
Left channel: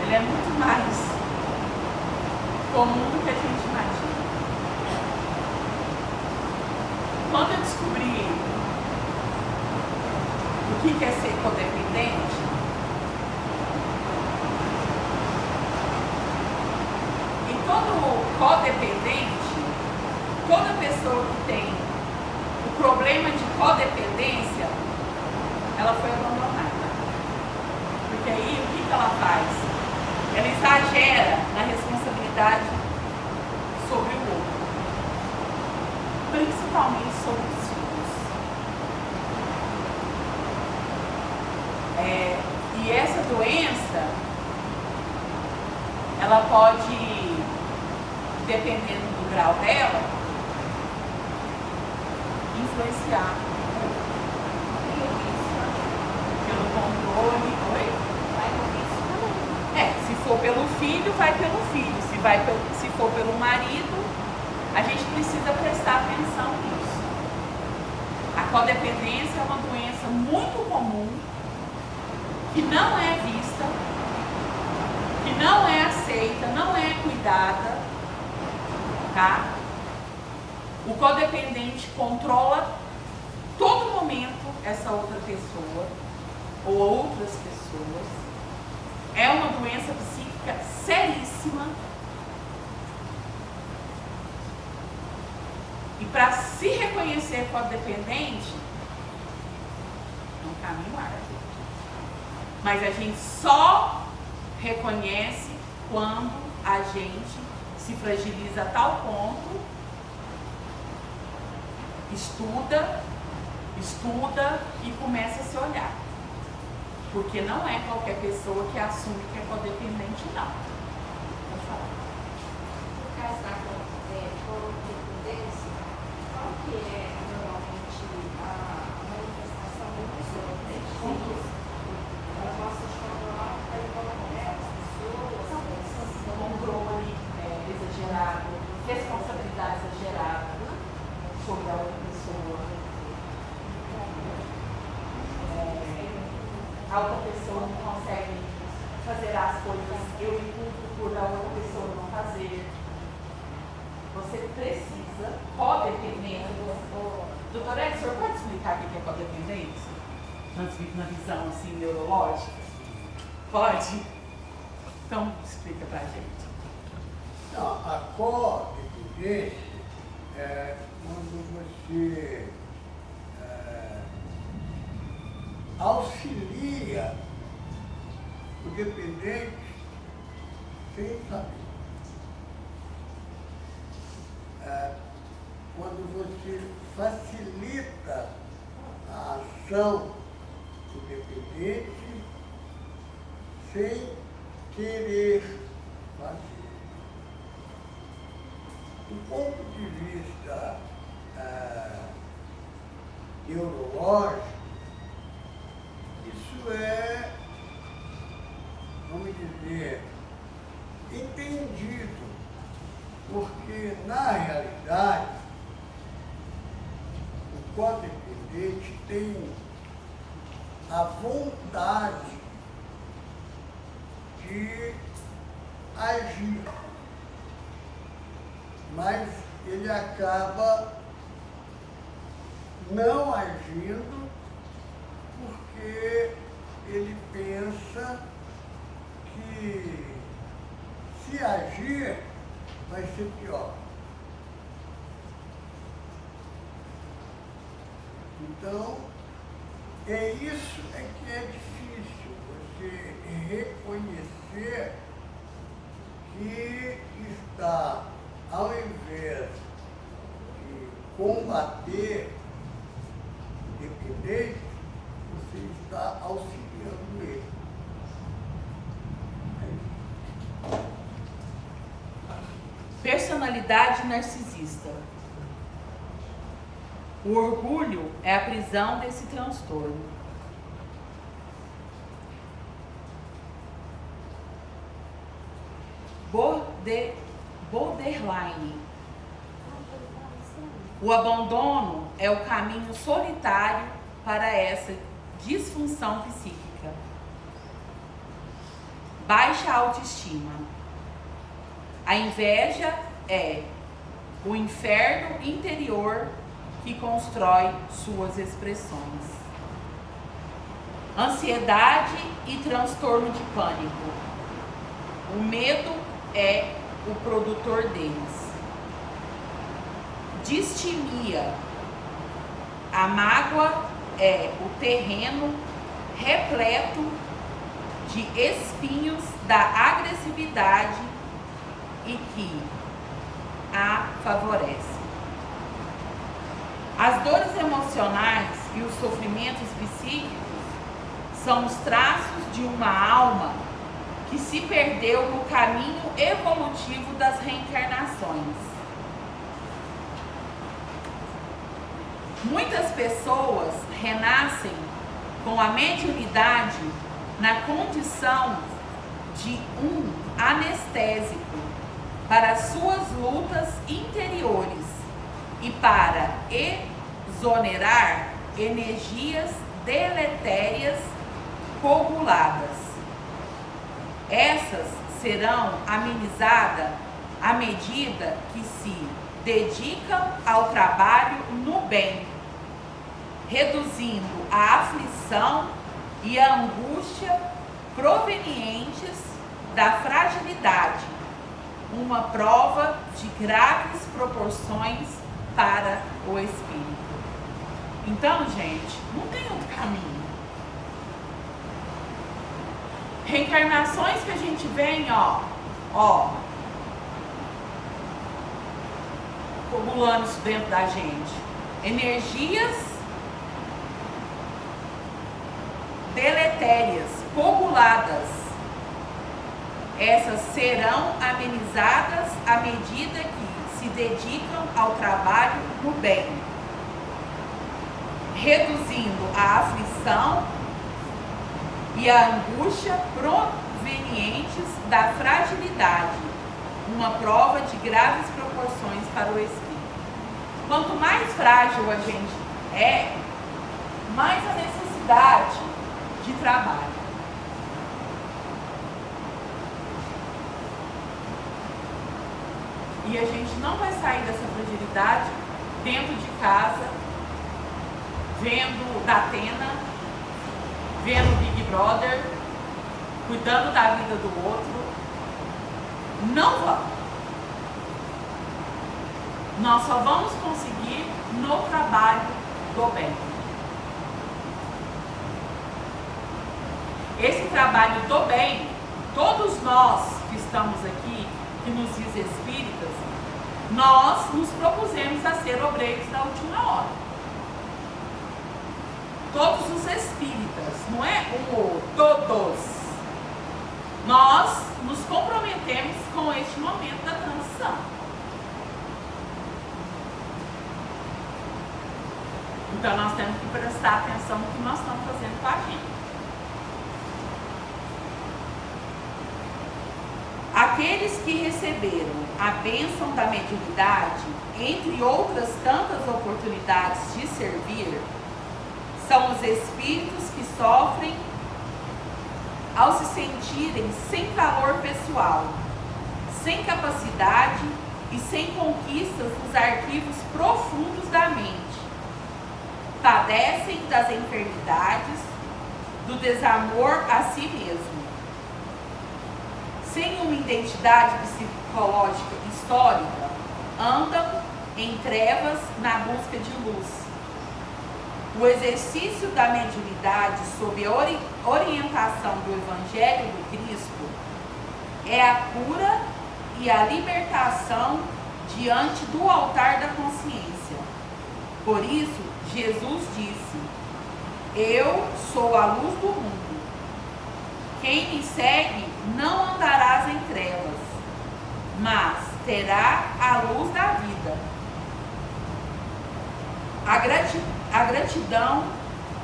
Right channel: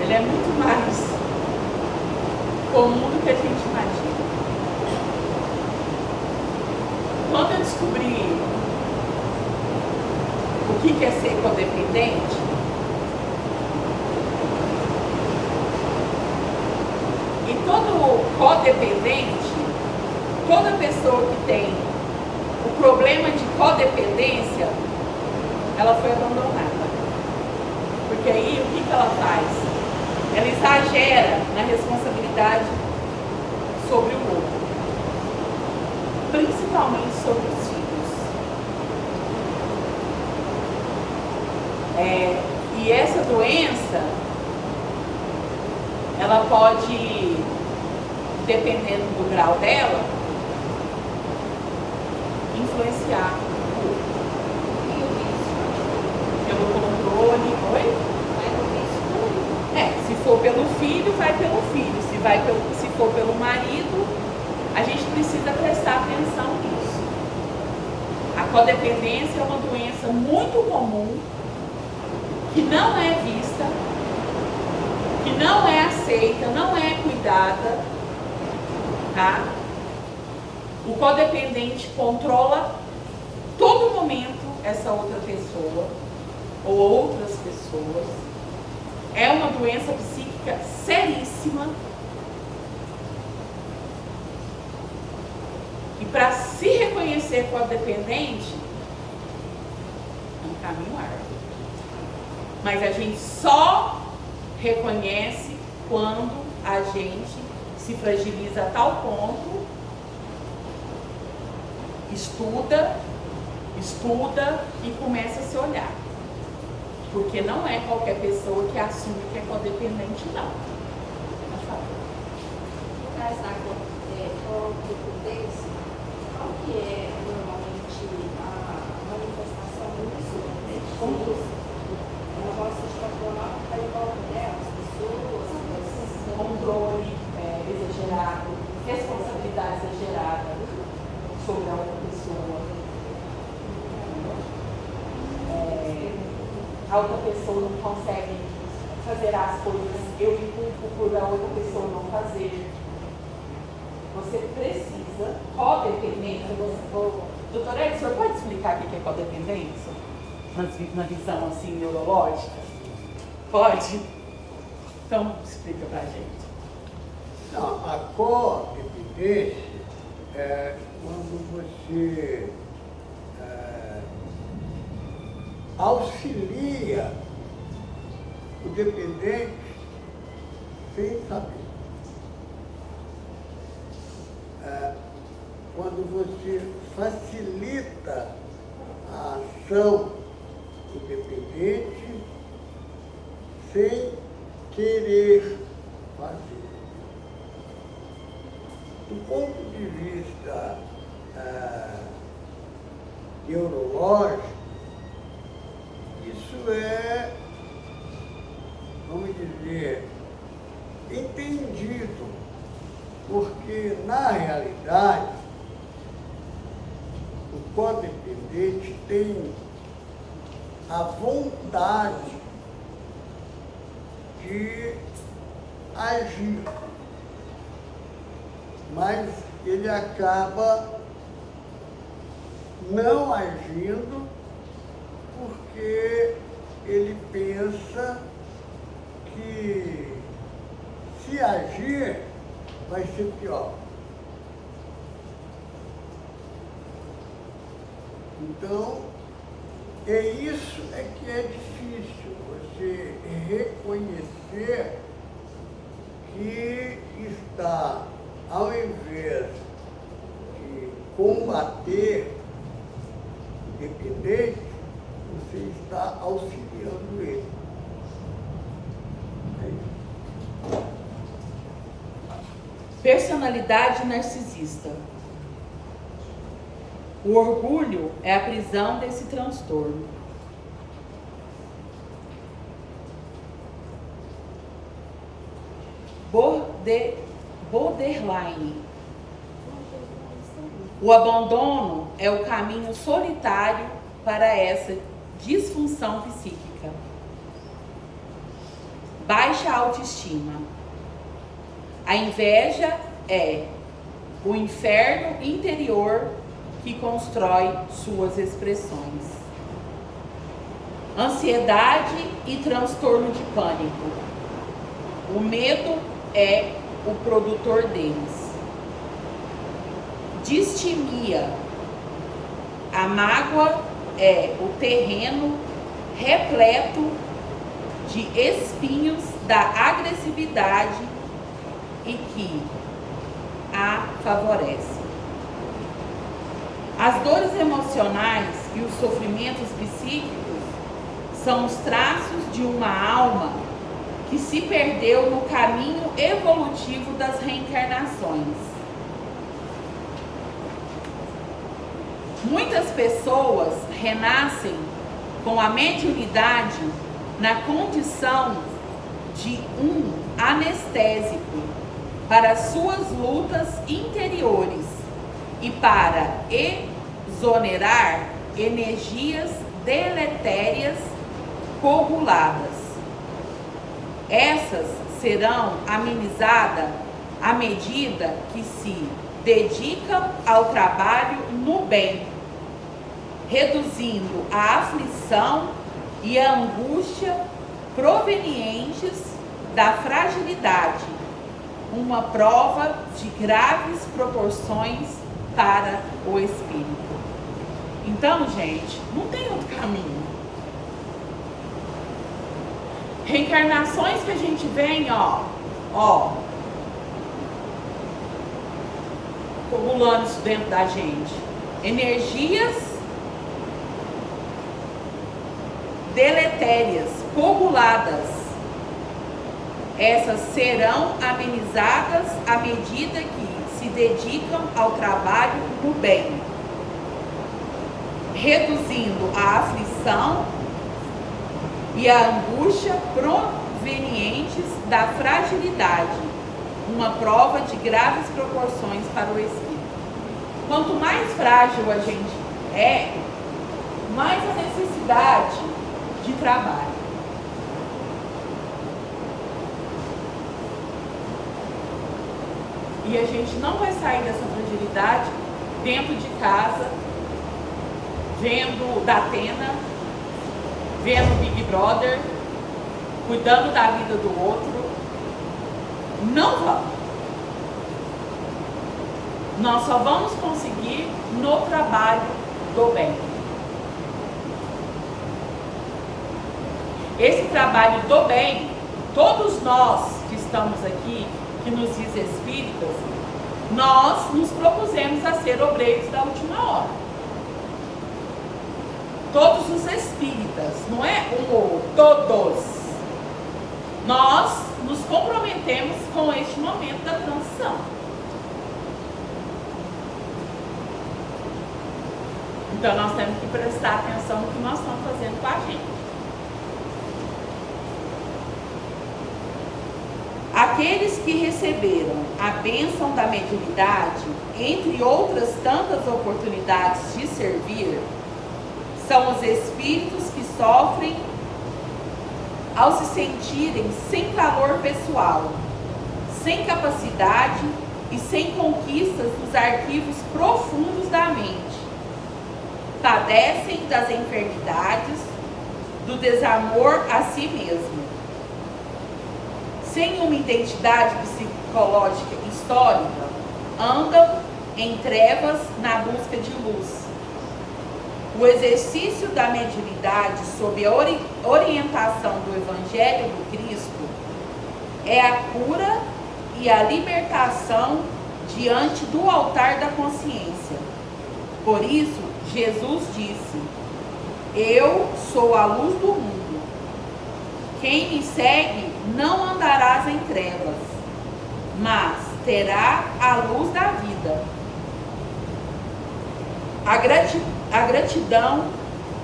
Ela é muito mais comum do que a gente imagina. Quando eu descobri o que é ser codependente? E todo codependente, toda pessoa que tem o problema de codependência, ela foi abandonada. Porque aí o que ela faz? Ela exagera na responsabilidade sobre o outro, principalmente sobre os filhos. E essa doença, ela pode, dependendo do grau dela, influenciar pelo controle. Oi? Se for pelo filho, vai pelo filho. Se for pelo marido, a gente precisa prestar atenção nisso. A codependência é uma doença muito comum, que não é vista, que não é aceita, não é cuidada, tá? O codependente controla todo momento essa outra pessoa ou outras pessoas. É uma doença psíquica seríssima. E para se reconhecer codependente, é um caminho árduo. Mas a gente só reconhece quando a gente se fragiliza a tal ponto, estuda e começa a se olhar. Porque não é qualquer pessoa que assume que é codependente, não. Pode falar. No caso da codependência, qual que é normalmente a manifestação emocional? Ela gosta de controlar para envolver as pessoas, Controle exagerado, responsabilidade exagerada sobre a outra pessoa. A outra pessoa não consegue fazer as coisas, eu me culpo por a outra pessoa não fazer. Você precisa, codependência. Doutora Ed, o senhor pode explicar o que é codependência? Na visão assim neurológica? Pode? Então explica pra gente. Não, a codependência é quando você auxilia o dependente sem saber. Quando você facilita a ação do dependente sem querer fazer. Do ponto de vista neurológico, isso é, vamos dizer, entendido, porque na realidade o codependente tem a vontade de agir, mas ele acaba não agindo porque ele pensa que se agir vai ser pior. Então, isso que é difícil, você reconhecer que está, ao invés de combater o dependente, você está auxiliando ele. Personalidade narcisista. O orgulho é a prisão desse transtorno. Borderline. O abandono é o caminho solitário para essa disfunção psíquica. Baixa autoestima. A inveja é o inferno interior que constrói suas expressões. ansiedade e transtorno de pânico. O medo é o produtor deles. Distimia. A mágoa é o terreno repleto de espinhos da agressividade e que a favorece. As dores emocionais e os sofrimentos psíquicos são os traços de uma alma que se perdeu no caminho evolutivo das reencarnações. Muitas pessoas renascem com a mediunidade na condição de um anestésico para suas lutas interiores e para exonerar energias deletérias coaguladas. Essas serão amenizadas à medida que se dedicam ao trabalho no bem, reduzindo a aflição e a angústia provenientes da fragilidade, uma prova de graves proporções para o espírito. Então, gente, não tem outro caminho. Reencarnações que a gente vem, coagulando isso dentro da gente. Energias deletérias, coaguladas. Essas serão amenizadas à medida que se dedicam ao trabalho do bem, reduzindo a aflição e a angústia provenientes da fragilidade, uma prova de graves proporções para o espírito. Quanto mais frágil a gente é, mais a necessidade de trabalho. E a gente não vai sair dessa fragilidade dentro de casa, vendo Datena, vendo Big Brother, cuidando da vida do outro. Não vamos. Nós só vamos conseguir no trabalho do bem. Esse trabalho do bem, todos nós que estamos aqui, que nos diz espíritas, nós nos propusemos a ser obreiros da última hora. Todos os espíritas, não é um ou todos. Nós nos comprometemos com este momento da transição. Então nós temos que prestar atenção no que nós estamos fazendo com a gente. Aqueles que receberam a bênção da mediunidade, entre outras tantas oportunidades de servir, são os espíritos que sofrem ao se sentirem sem valor pessoal, sem capacidade e sem conquistas dos arquivos profundos da mente. Padecem das enfermidades, do desamor a si mesmo. Sem uma identidade psicológica histórica, andam em trevas na busca de luz. O exercício da mediunidade sob a orientação do Evangelho do Cristo é a cura e a libertação diante do altar da consciência. Por isso, Jesus disse: eu sou a luz do mundo. Quem me segue não andarás em trevas, mas terá a luz da vida. A gratidão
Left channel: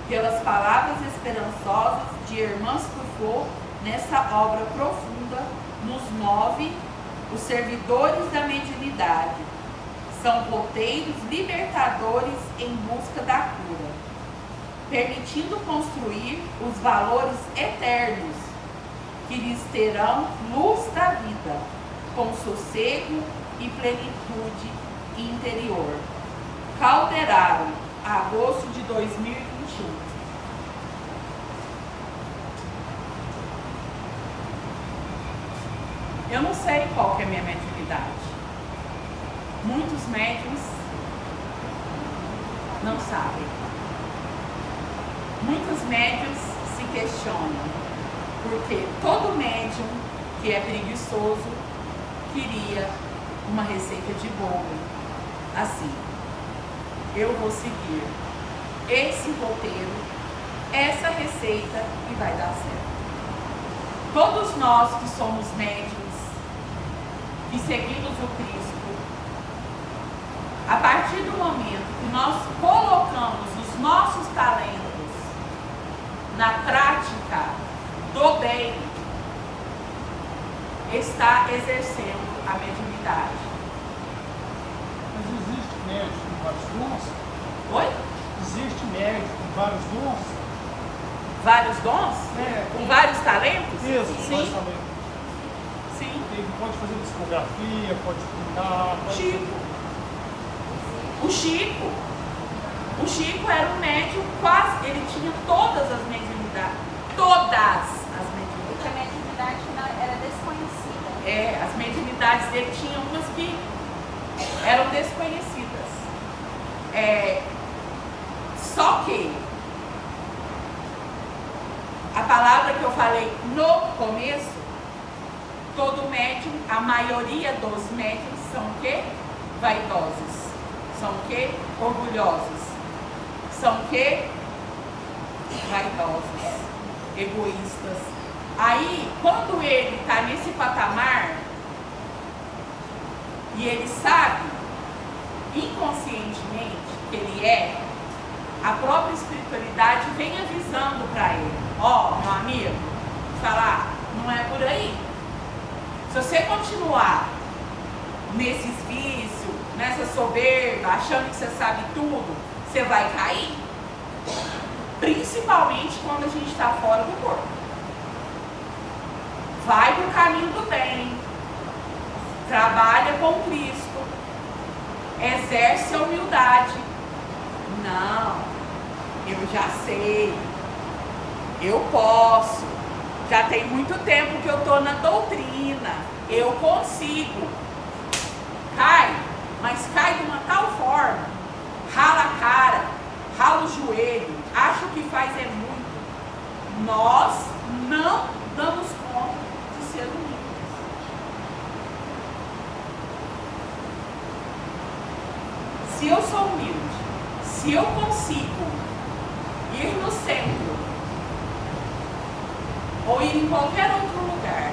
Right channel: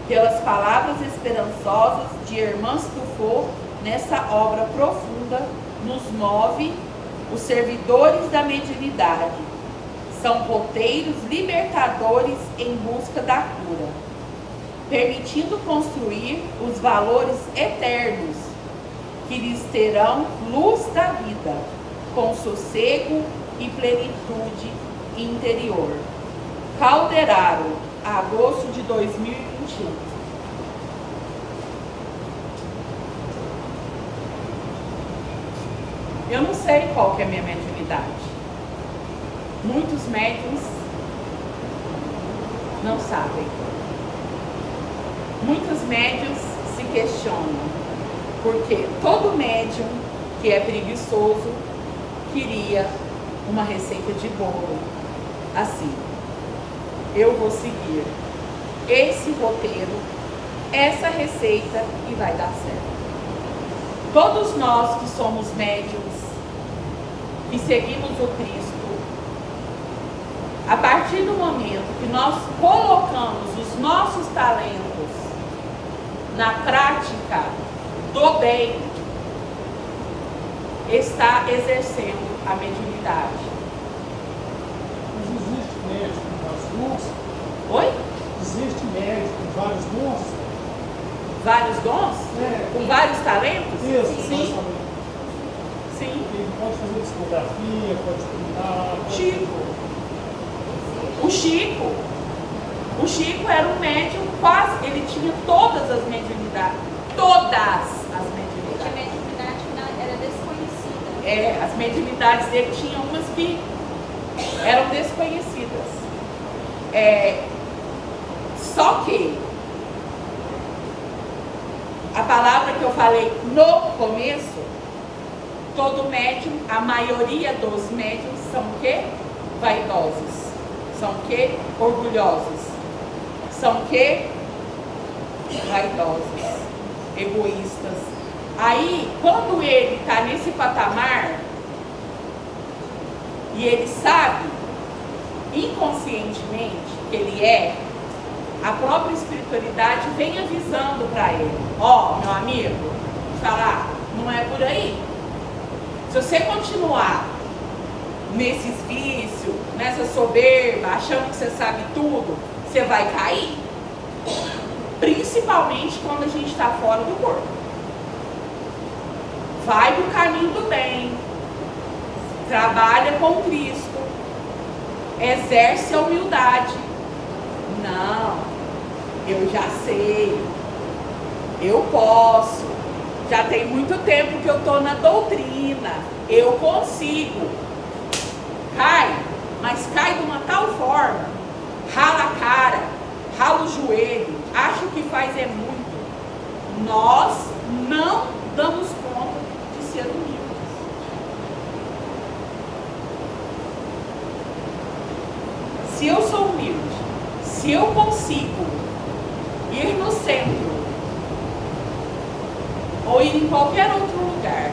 pelas palavras esperançosas de Irmã Foucault nessa obra profunda nos move os servidores da mediunidade. São roteiros libertadores em busca da cura, permitindo construir os valores eternos que lhes terão luz da vida, com sossego e plenitude interior. Calderaro, agosto de 2021. Eu não sei qual que é a minha mediunidade. Muitos médiums não sabem. Muitos médiums se questionam, porque todo médium que é preguiçoso queria uma receita de bolo. Assim, eu vou seguir esse roteiro, essa receita e vai dar certo. Todos nós que somos médiums, que seguimos o Cristo, a partir do momento que nós colocamos os nossos talentos na prática do bem, está exercendo a mediunidade. Mas existe médico com vários dons? Oi? Existe médico com vários dons? Vários dons? Com vários talentos? Isso, Sim. basicamente. Sim. Ele pode fazer psicografia, pode pintar. O Chico era um médium quase, ele tinha todas as mediunidades. Todas as mediunidades. A mediunidade que não era desconhecida. As mediunidades dele tinham umas que eram desconhecidas. Só que a palavra que eu falei no começo, todo médium, a maioria dos médiums são o quê? Vaidosos. São o quê? Orgulhosos. São o quê? Vaidosos. Egoístas. Aí, quando ele está nesse patamar, e ele sabe, inconscientemente, que ele é, a própria espiritualidade vem avisando para ele: ó, meu amigo, falar, não é por aí. Se você continuar nesses vícios, nessa soberba, achando que você sabe tudo, você vai cair. Principalmente quando a gente está fora do corpo. Vai pro caminho do bem, trabalha com Cristo, exerce a humildade. Não, eu já sei, eu posso, já tem muito tempo que eu estou na doutrina, eu consigo. Cai, mas cai de uma tal forma, rala a cara, rala o joelho, acha que faz é muito. Nós não damos conta de ser humildes. Se eu sou humilde, se eu consigo ir no centro ou ir em qualquer outro lugar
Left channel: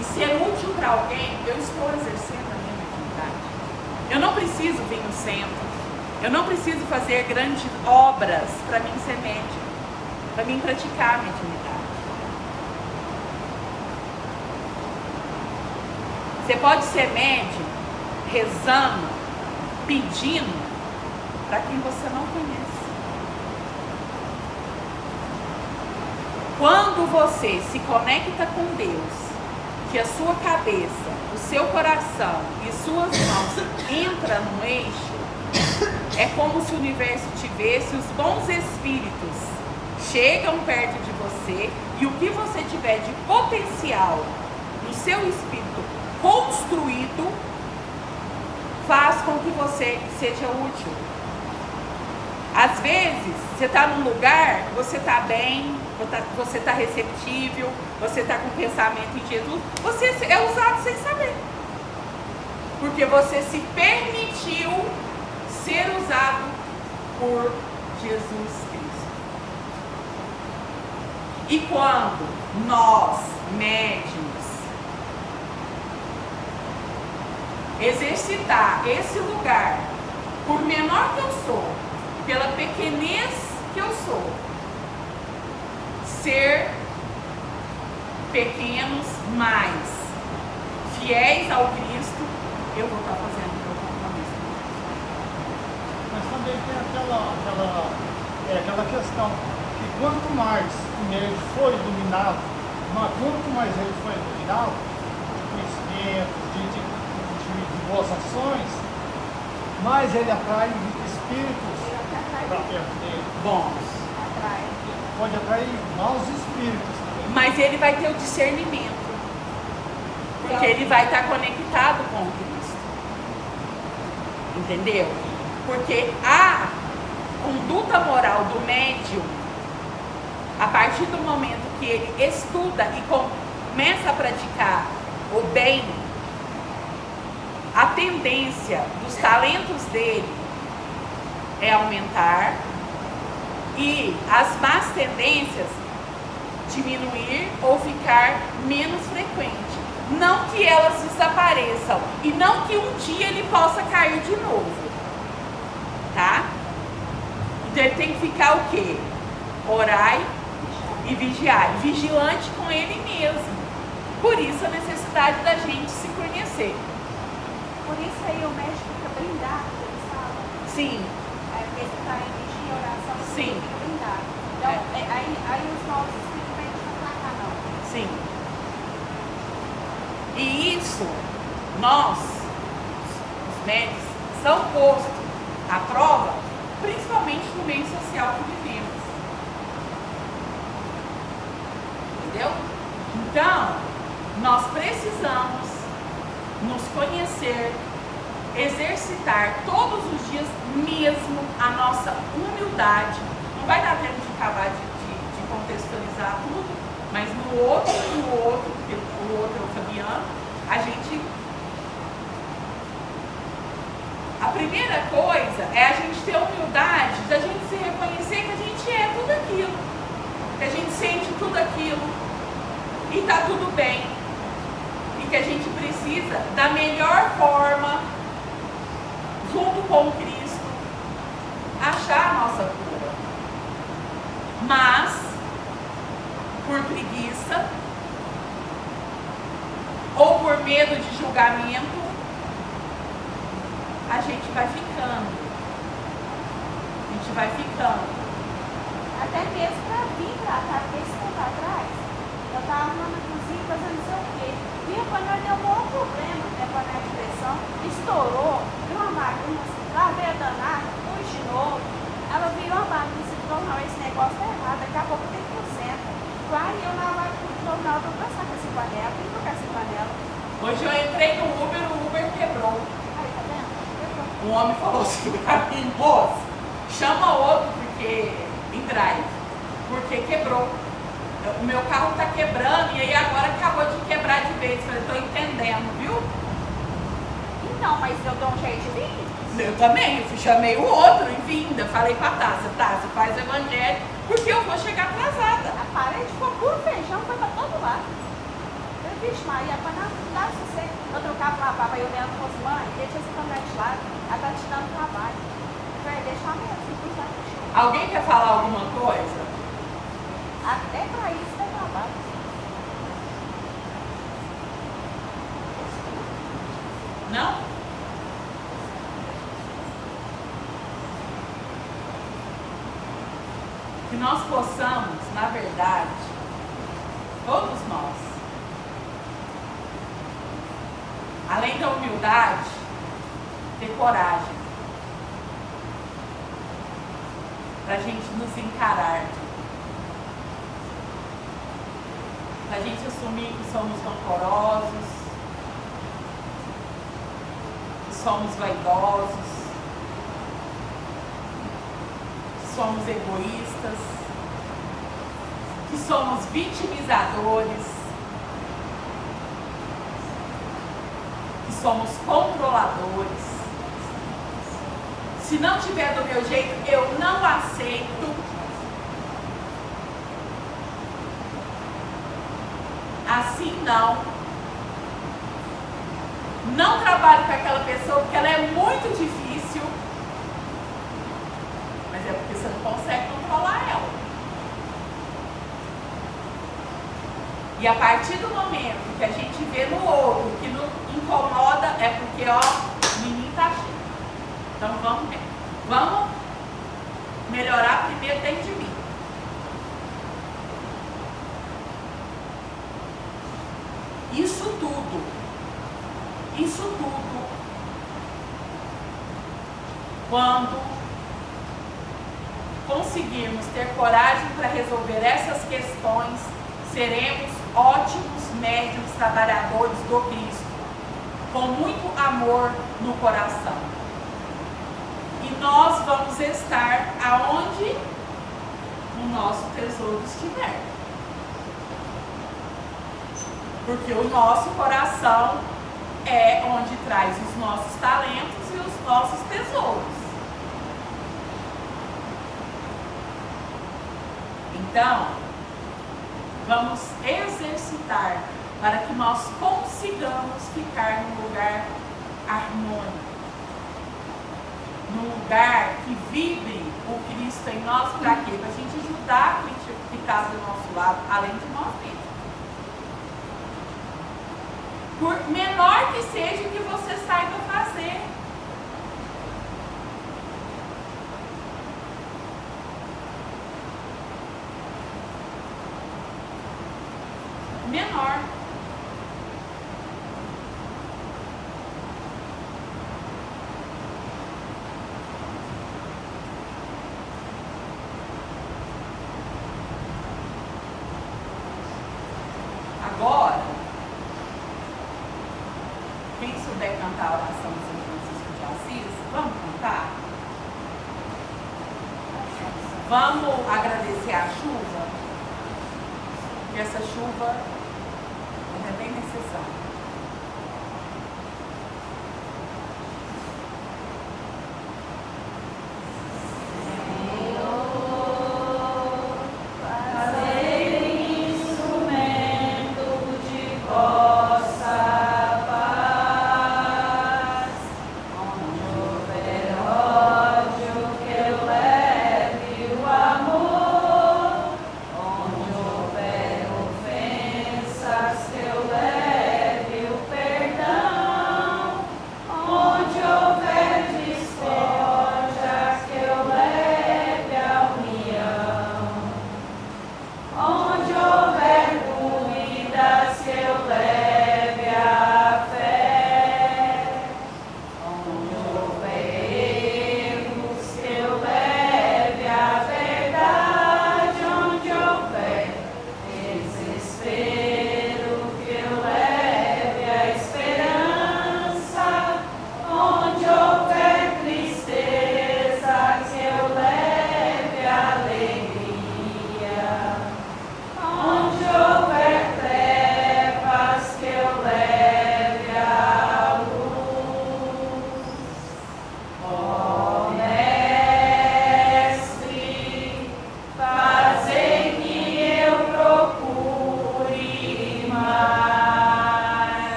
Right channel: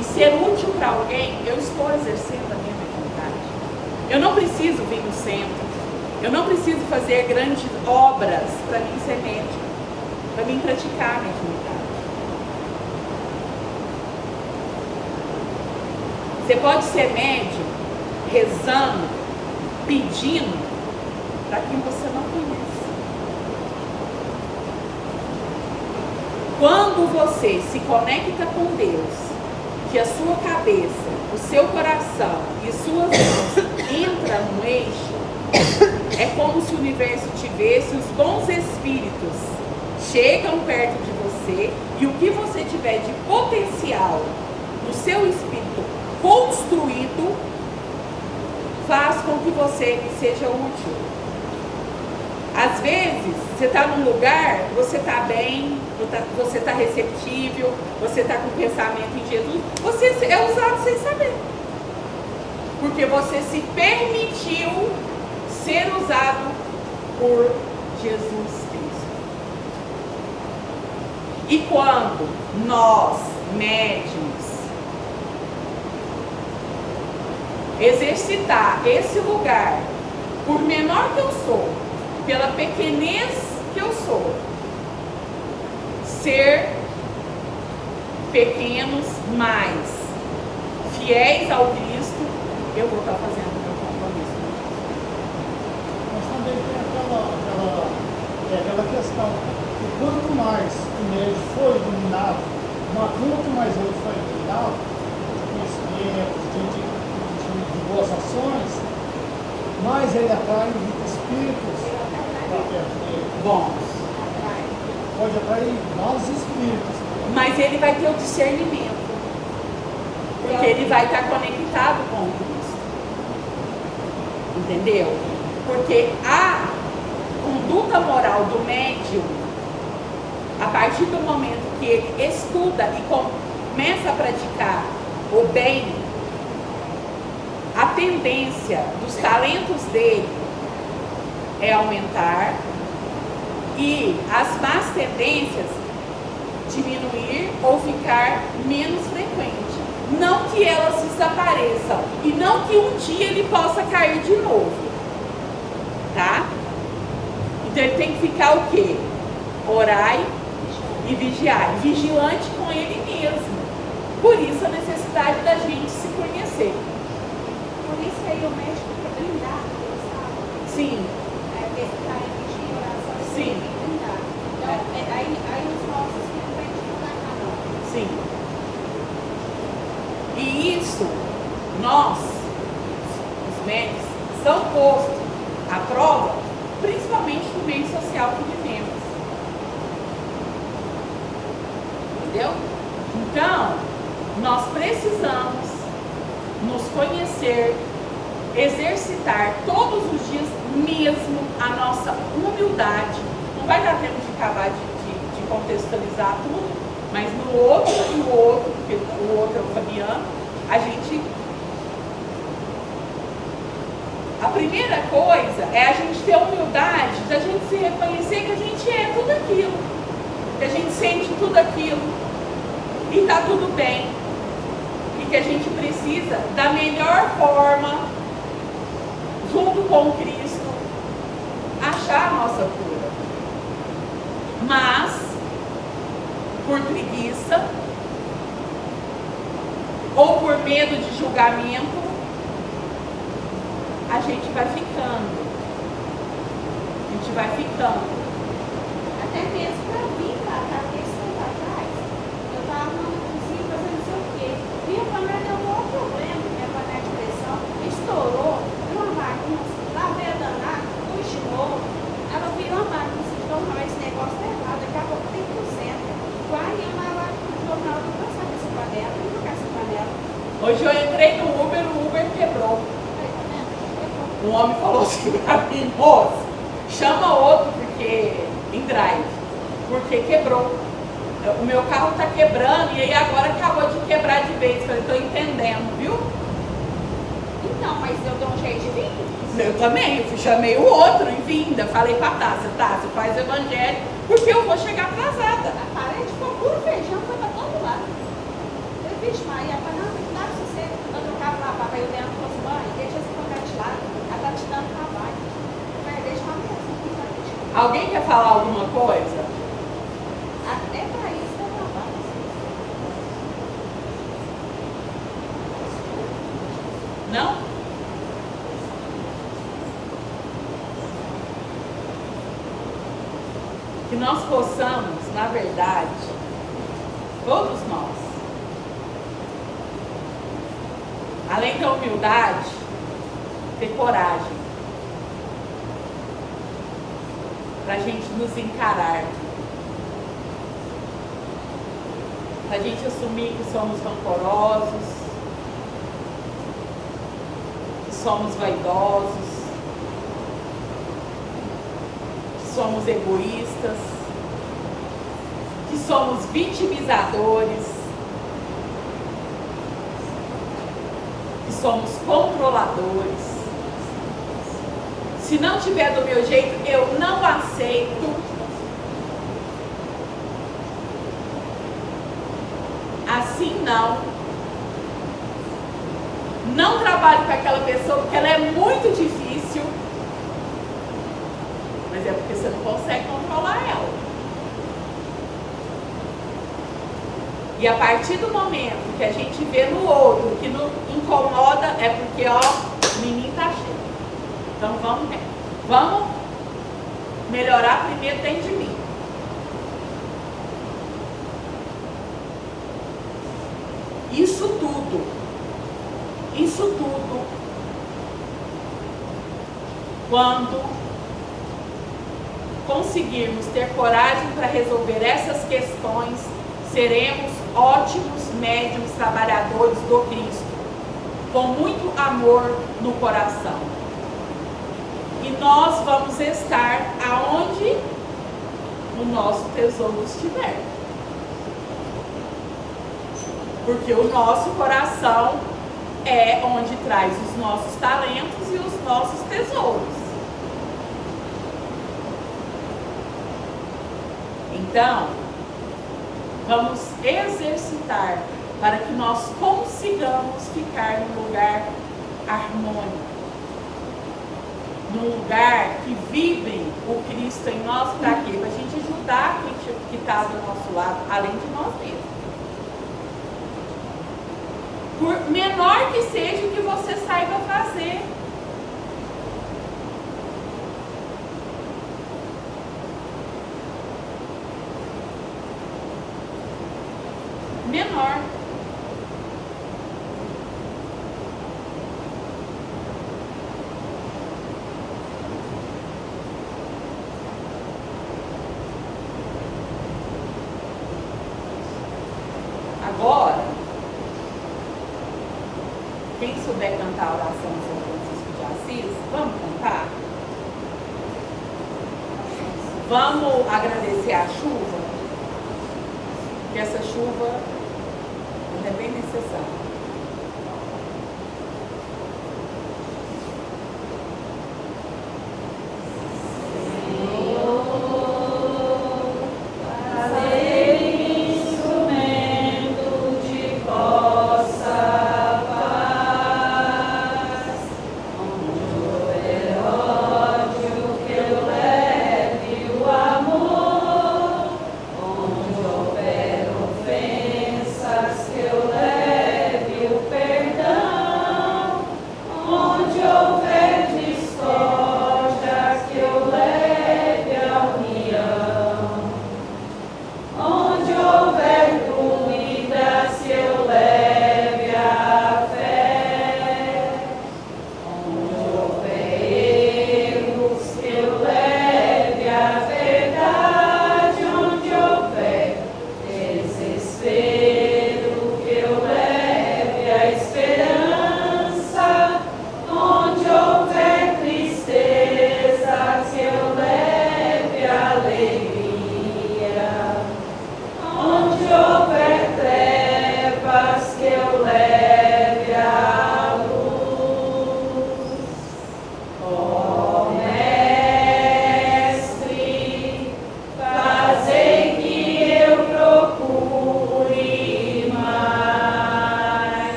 e ser útil para alguém, eu estou exercendo a minha mediunidade. Eu não preciso vir no centro, eu não preciso fazer grandes obras para mim ser médium, para mim praticar a mediunidade. Você pode ser médium rezando, pedindo para quem você não conhece. Quando você se conecta com Deus, que a sua cabeça, o seu coração e suas mãos entram no eixo, é como se o universo tivesse os bons espíritos chegam perto de você e o que você tiver de potencial no seu espírito construído faz com que você seja útil. Às vezes, você está num lugar, você está bem, você está receptível, você está com pensamento em Jesus, você é usado sem saber. Porque você se permitiu ser usado por Jesus Cristo. E quando nós, médiuns, exercitar esse lugar, por menor que eu sou, pela pequenez que eu sou, ser pequenos, mas fiéis ao Cristo, eu vou estar fazendo o meu compromisso. Mas também tem aquela questão que quanto mais o médium foi iluminado, quanto mais ele foi iluminado, de conhecimentos, de boas ações, mais ele atrai espíritos para perto dele. Bom, Pode atrair maus espíritos. mas ele vai ter o discernimento. Porque ele vai estar conectado com Cristo. Entendeu? Porque a conduta moral do médium, a partir do momento que ele estuda e começa a praticar o bem, a tendência dos talentos dele é aumentar e as más tendências diminuir ou ficar menos frequente. Não que elas desapareçam e não que um dia ele possa cair de novo, tá? Então ele tem que ficar o quê? Orai e vigiai, vigilante com ele mesmo. Por isso a necessidade da gente se conhecer. Por isso aí o médico fica blindado, sabe? Sim, Esse tarefa de oração Sim. fica blindado. Então, aí os nossos filhos não vão atacar, não. sim. E isso, nós, os médicos, são postos à prova, principalmente no meio social que vivemos. Entendeu? Então, nós precisamos nos conhecer, exercitar todos os dias mesmo a nossa humildade. Não vai dar tempo de acabar de contextualizar tudo, mas no outro, porque o outro é o Fabiano, a gente... A primeira coisa é a gente ter a humildade da gente se reconhecer que a gente é tudo aquilo, que a gente sente tudo aquilo e tá tudo bem, e que a gente precisa da melhor forma, junto com Cristo, achar a nossa cura. Mas, por preguiça ou por medo de julgamento, a gente vai ficando. A gente vai ficando. Até mesmo pra mim, lá, tá? Esse tempo atrás, eu tava arrumando a cozinha, fazendo não sei o quê. Minha panela deu um maior problema, minha panela de pressão, estourou, deu uma bagunça, lavei a danada, pus de novo. Ela virou uma bagunça, então não, esse negócio tá errado, daqui a pouco tem porcento. Vai eu na live do jornal, vou passar com essa panela, vou trocar essa panela. Hoje eu entrei no Uber, o Uber quebrou. Aí, tá vendo? Um homem falou assim pra mim, moço, chama outro porque em drive, porque quebrou. O meu carro tá quebrando e aí agora acabou de quebrar de vez. Eu falei, tô entendendo, viu? Então, mas eu dou um jeito de vir. Eu também, chamei o outro em vinda, falei pra Tássia, Tássia, faz o evangelho, porque eu vou chegar atrasada. A parede ficou puro feijão, foi pra todo lado. Eu disse, Maria, mas não dá se você eu trocava, lavava, aí eu dentro com os banhos, deixa esse panela de lado, ela tá te dando trabalho. Eu falei, deixa uma mesmo, não sabe o que. Alguém quer falar alguma coisa? Até pra isso dá trabalho. Não? Que nós possamos, na verdade, todos nós, além da humildade, ter coragem para a gente nos encarar, para a gente assumir que somos rancorosos, que somos vaidosos, que somos egoístas, que somos vitimizadores, que somos controladores. Se não tiver do meu jeito, eu não aceito. Assim não. Não trabalho com aquela pessoa porque ela é muito difícil. Mas é porque você não consegue controlar ela. E a partir do momento que a gente vê no outro que nos incomoda, é porque, ó, o menino tá cheio. Então vamos melhorar primeiro dentro de mim. Isso tudo, quando conseguirmos ter coragem para resolver essas questões, seremos ótimos médiuns trabalhadores do Cristo, com muito amor no coração. E nós vamos estar aonde o nosso tesouro estiver. Porque o nosso coração é onde traz os nossos talentos e os nossos tesouros. Então, vamos exercitar para que nós consigamos ficar num lugar harmônico, num lugar que vibre o Cristo em nós. Para quê? Para a gente ajudar quem que está do nosso lado, além de nós mesmos. Por menor que seja o que você saiba fazer. Menor. Agora, quem souber cantar a oração de São Francisco de Assis, vamos cantar? Vamos agradecer a chuva, que essa chuva é bem necessária.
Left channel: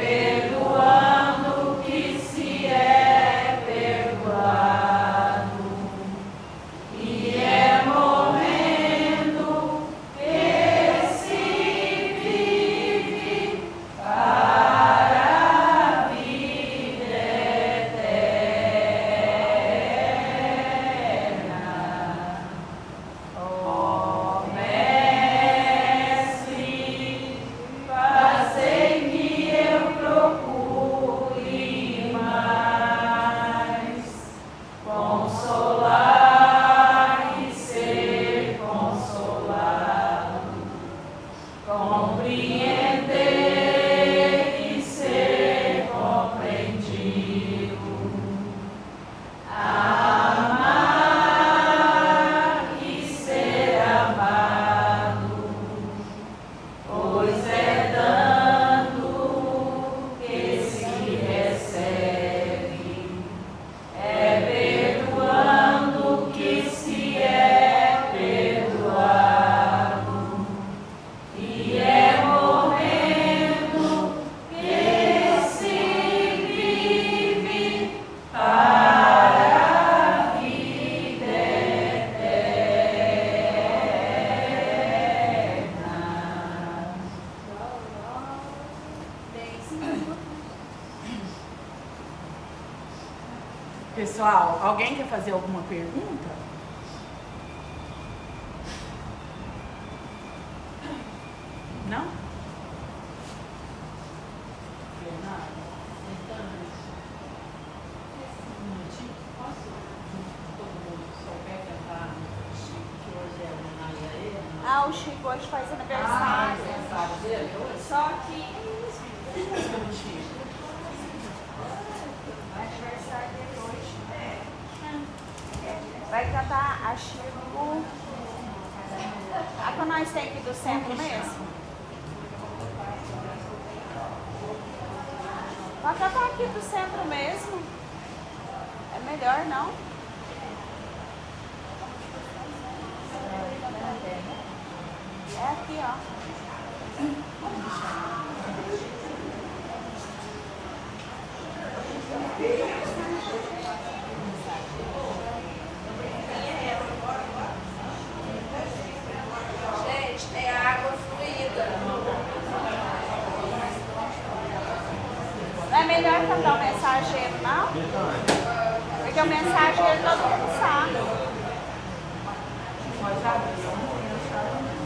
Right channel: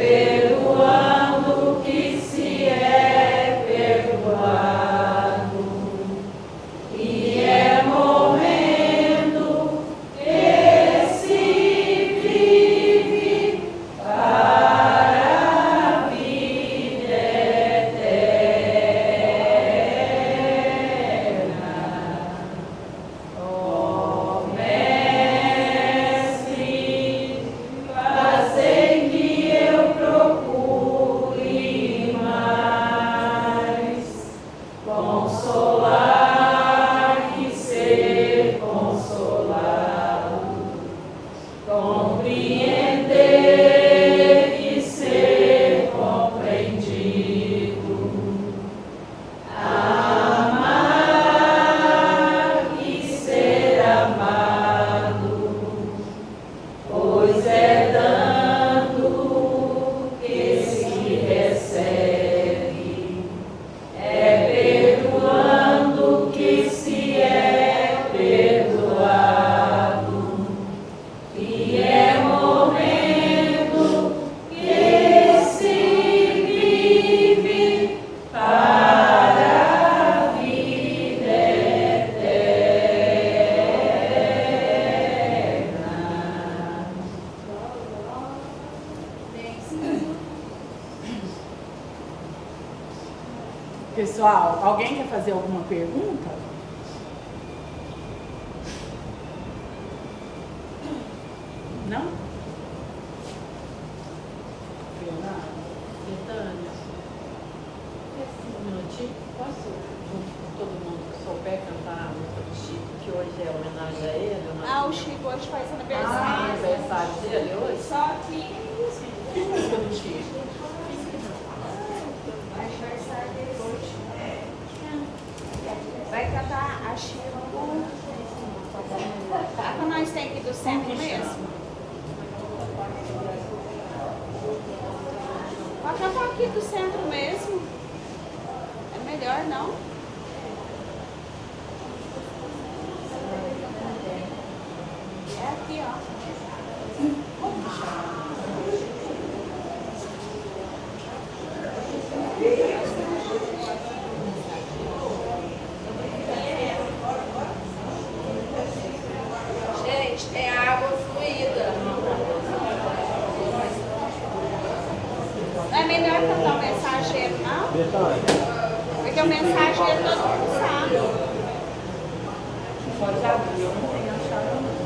perdoando Pessoal, alguém quer fazer alguma pergunta? Não? Bernardo? Então, um minutinho, posso, junto com todo mundo, souber cantar a música do Chico, que hoje é homenagem a ele? Ah, o Chico hoje faz Ah, aniversário. aniversário dele hoje? Só que aniversário dele hoje. Vai cantar a Chico. A que nós tem aqui do centro mesmo. Vai cantar aqui do centro mesmo. É melhor, não? É aqui, ó. Gente, tem água fluida. Não é melhor cantar o mensageiro, não? Porque o mensageiro todo mundo sabe. Pode abrir, eu não tenho achado.